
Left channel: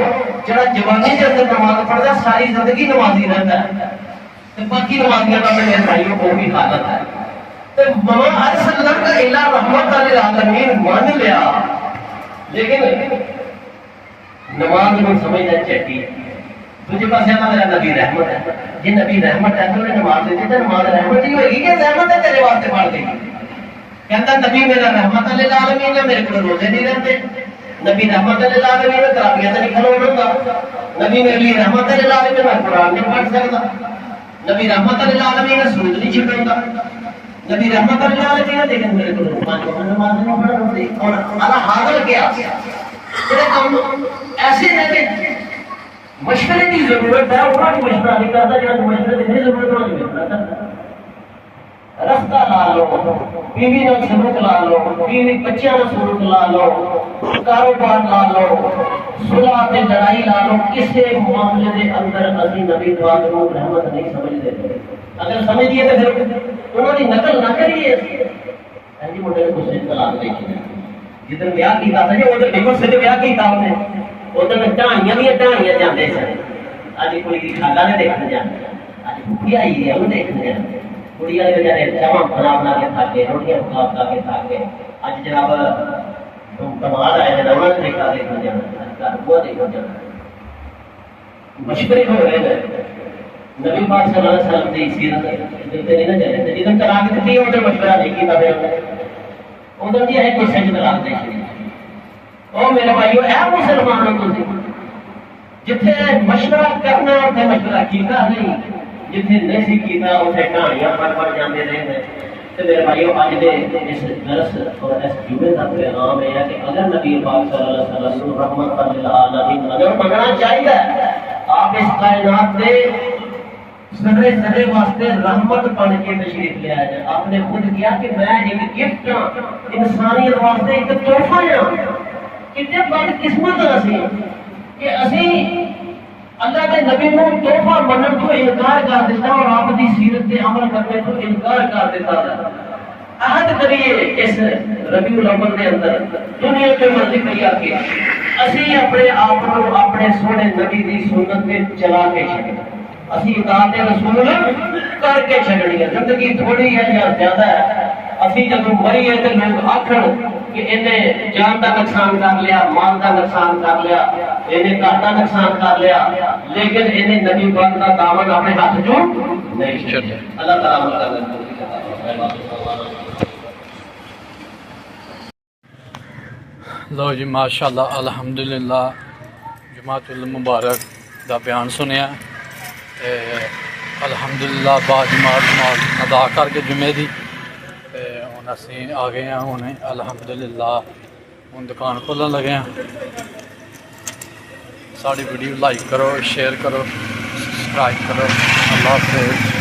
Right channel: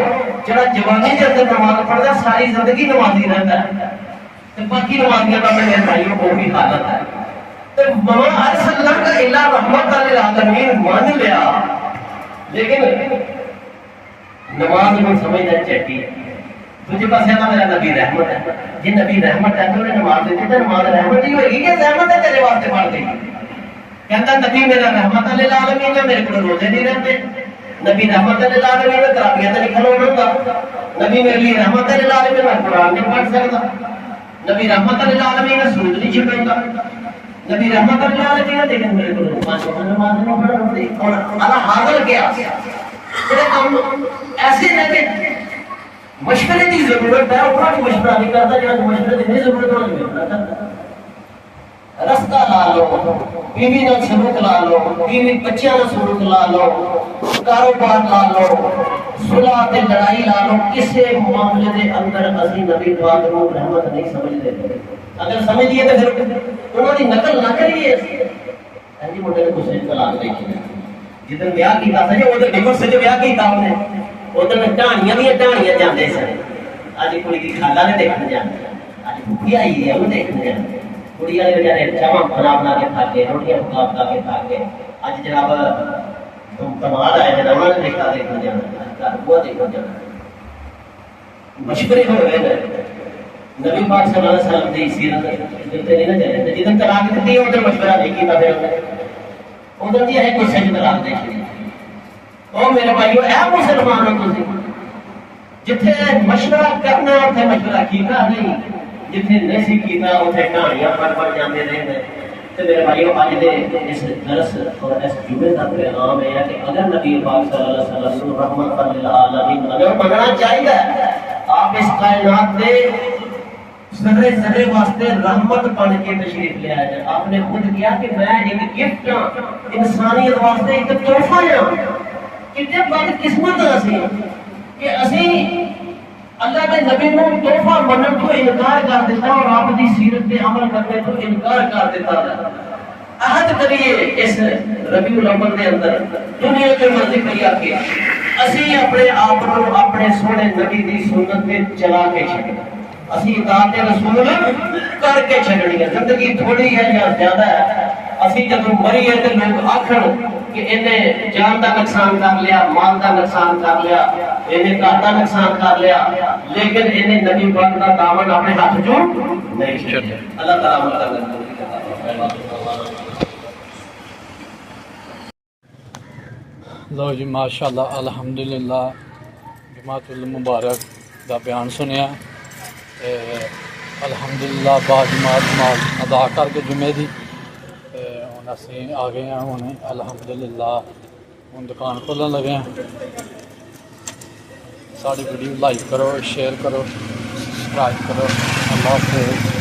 جڑا جوانی کے اندر نماز پڑھتا ساری زندگی نمازی رہتا ہے باقی نمازیاں کا میرے بھائیوں کو بھی حالت ہے. تو ماں ارسلنا کا الا رحمت للعالمین مان لیا لیکن نماز میں سمجھنا چاہیے. تجھے پاس ہے میرا نبی رحمت ہے، یہ نبی رحمت ہے تو نماز دے دیتا نماز رحمت ہی ہوئے گی کہ رحمت ہے تیرے واسطے پڑھ دے گی. کہتا نبی میرا رحمت للعالمین ہے، میرے کو روزے نہیں رہتے. نبی رحمت للعالمین ہے، تراویح نہیں کھلونا گا. نبی میرے لیے رحمت للعالمین ہے، قرآن نہیں پڑھ سکتا. نبی رحمت للعالمین ہے، سود نہیں چھپے گا. نبی رحمت للعالمین ہے لیکن میرے کو نماز نہیں پڑھتی. اور اللہ حاضر کیا ایسے رہتے مشورے کی ضرورت ہے. اور مشورہ نہیں کرتا جب مشورے کی ضرورت ہے. رستہ لا لو، بیوی کا سلوک لا لو، بیوی بچیاں کا سلوک لا لو، کاروبار لا لو، صلح تے لڑائی لا لو. کسی معاملے کے اندر اسی نبی پاک کو رحمت نہیں سمجھتے. اگر سمجھیے تو پھر انہوں نے نقل نہ کریے. ایسی موٹے نے دوسرے طلاق نہیں کی. جدھر بیاہ کیتا تھا وہ تو ڈیورس سے بیاہ کیتا ہم نے ادھر ٹہنیاں دیا ٹہنیاں جانے سن. اج کڑی کی خالہ نے دیکھنے جانے، اج بھوکی آئی ہے انہیں دیکھنے جانے. کڑی والے بیچارے چاواں بنا بنا کے کھا کے روٹیاں پکا پکا کے کھا کے اج جناب کمال آئے جناب نے دیکھا دیکھنے جانا وہ دیکھنے جانا. مشورے ہو گئے نبی پاک صلی اللہ علیہ وسلم کی سیرت نہیں نہ چلے. جدھر طلاق دیتی ہے ادھر مشورہ نہیں کیتا ادھر دیا ہے کوئی سچ طلاق دیکھی. اور میرے بھائیو اے مسلمانوں تسی جتھے مشورہ کرنا اتنے مشورہ کیتا نہیں، جتھے نہیں کیتا اتنے کہانیاں پڑھ جاندے رہے. تو میرے بھائیو اج دے اس درس اور اس جمعے کا پیغام ہے کہ اگر نبی پاک صلی اللہ علیہ وسلم رحمت للعالمین اگر بننا چاہیے آپ اس کائنات میں ذرے ذرے واسطے رحمت بن کے تشریف لے آئے. آپ نے خود کیا کہ میں ایک گفٹ ہوں انسانیت واسطے، ایک تحفہ ہوں. کتنے بد قسمت اسی کہ اسی اللہ کے نبی کو تحفہ بننے کو انکار کر دیتا اور آپ کی سیرت پہ عمل کرنے کو انکار کر دیتا ہے. عہد کریے اس ربیع الاول کے اندر دنیا کے مرضی کیا کہ اسی اپنے آپ کو اپنے سونے نبی کی سنت پہ چلا کے چھڑیں. اسی اطاعت رسول کر کے چھڑنی ہے. زندگی تھوڑی ہے یا زیادہ ہے. اسی جب مری ہے تو لوگ آخر کہ انہیں جان کا نقصان کر لیا، مال کا نقصان کر لیا، انہیں گھر کا نقصان کر لیا، لیکن انہیں نبی پاک کا دامن اپنے ہاتھ جو نہیں چھوڑا. اللہ تعالیٰ مدد لو جی ماشاءاللہ الحمدللہ جماعت المبارک دا بیان سنیا. الحمدللہ با جماعت نماز ادا کر کے جمعے دی ہوں اسی آ گئے ہیں. ہوں الحمدللہ ہوں دکان کھولن لگے ہیں. ساری ویڈیو لائک کرو، شیئر کرو، سبسکرائب کرو. اللہ حافظ.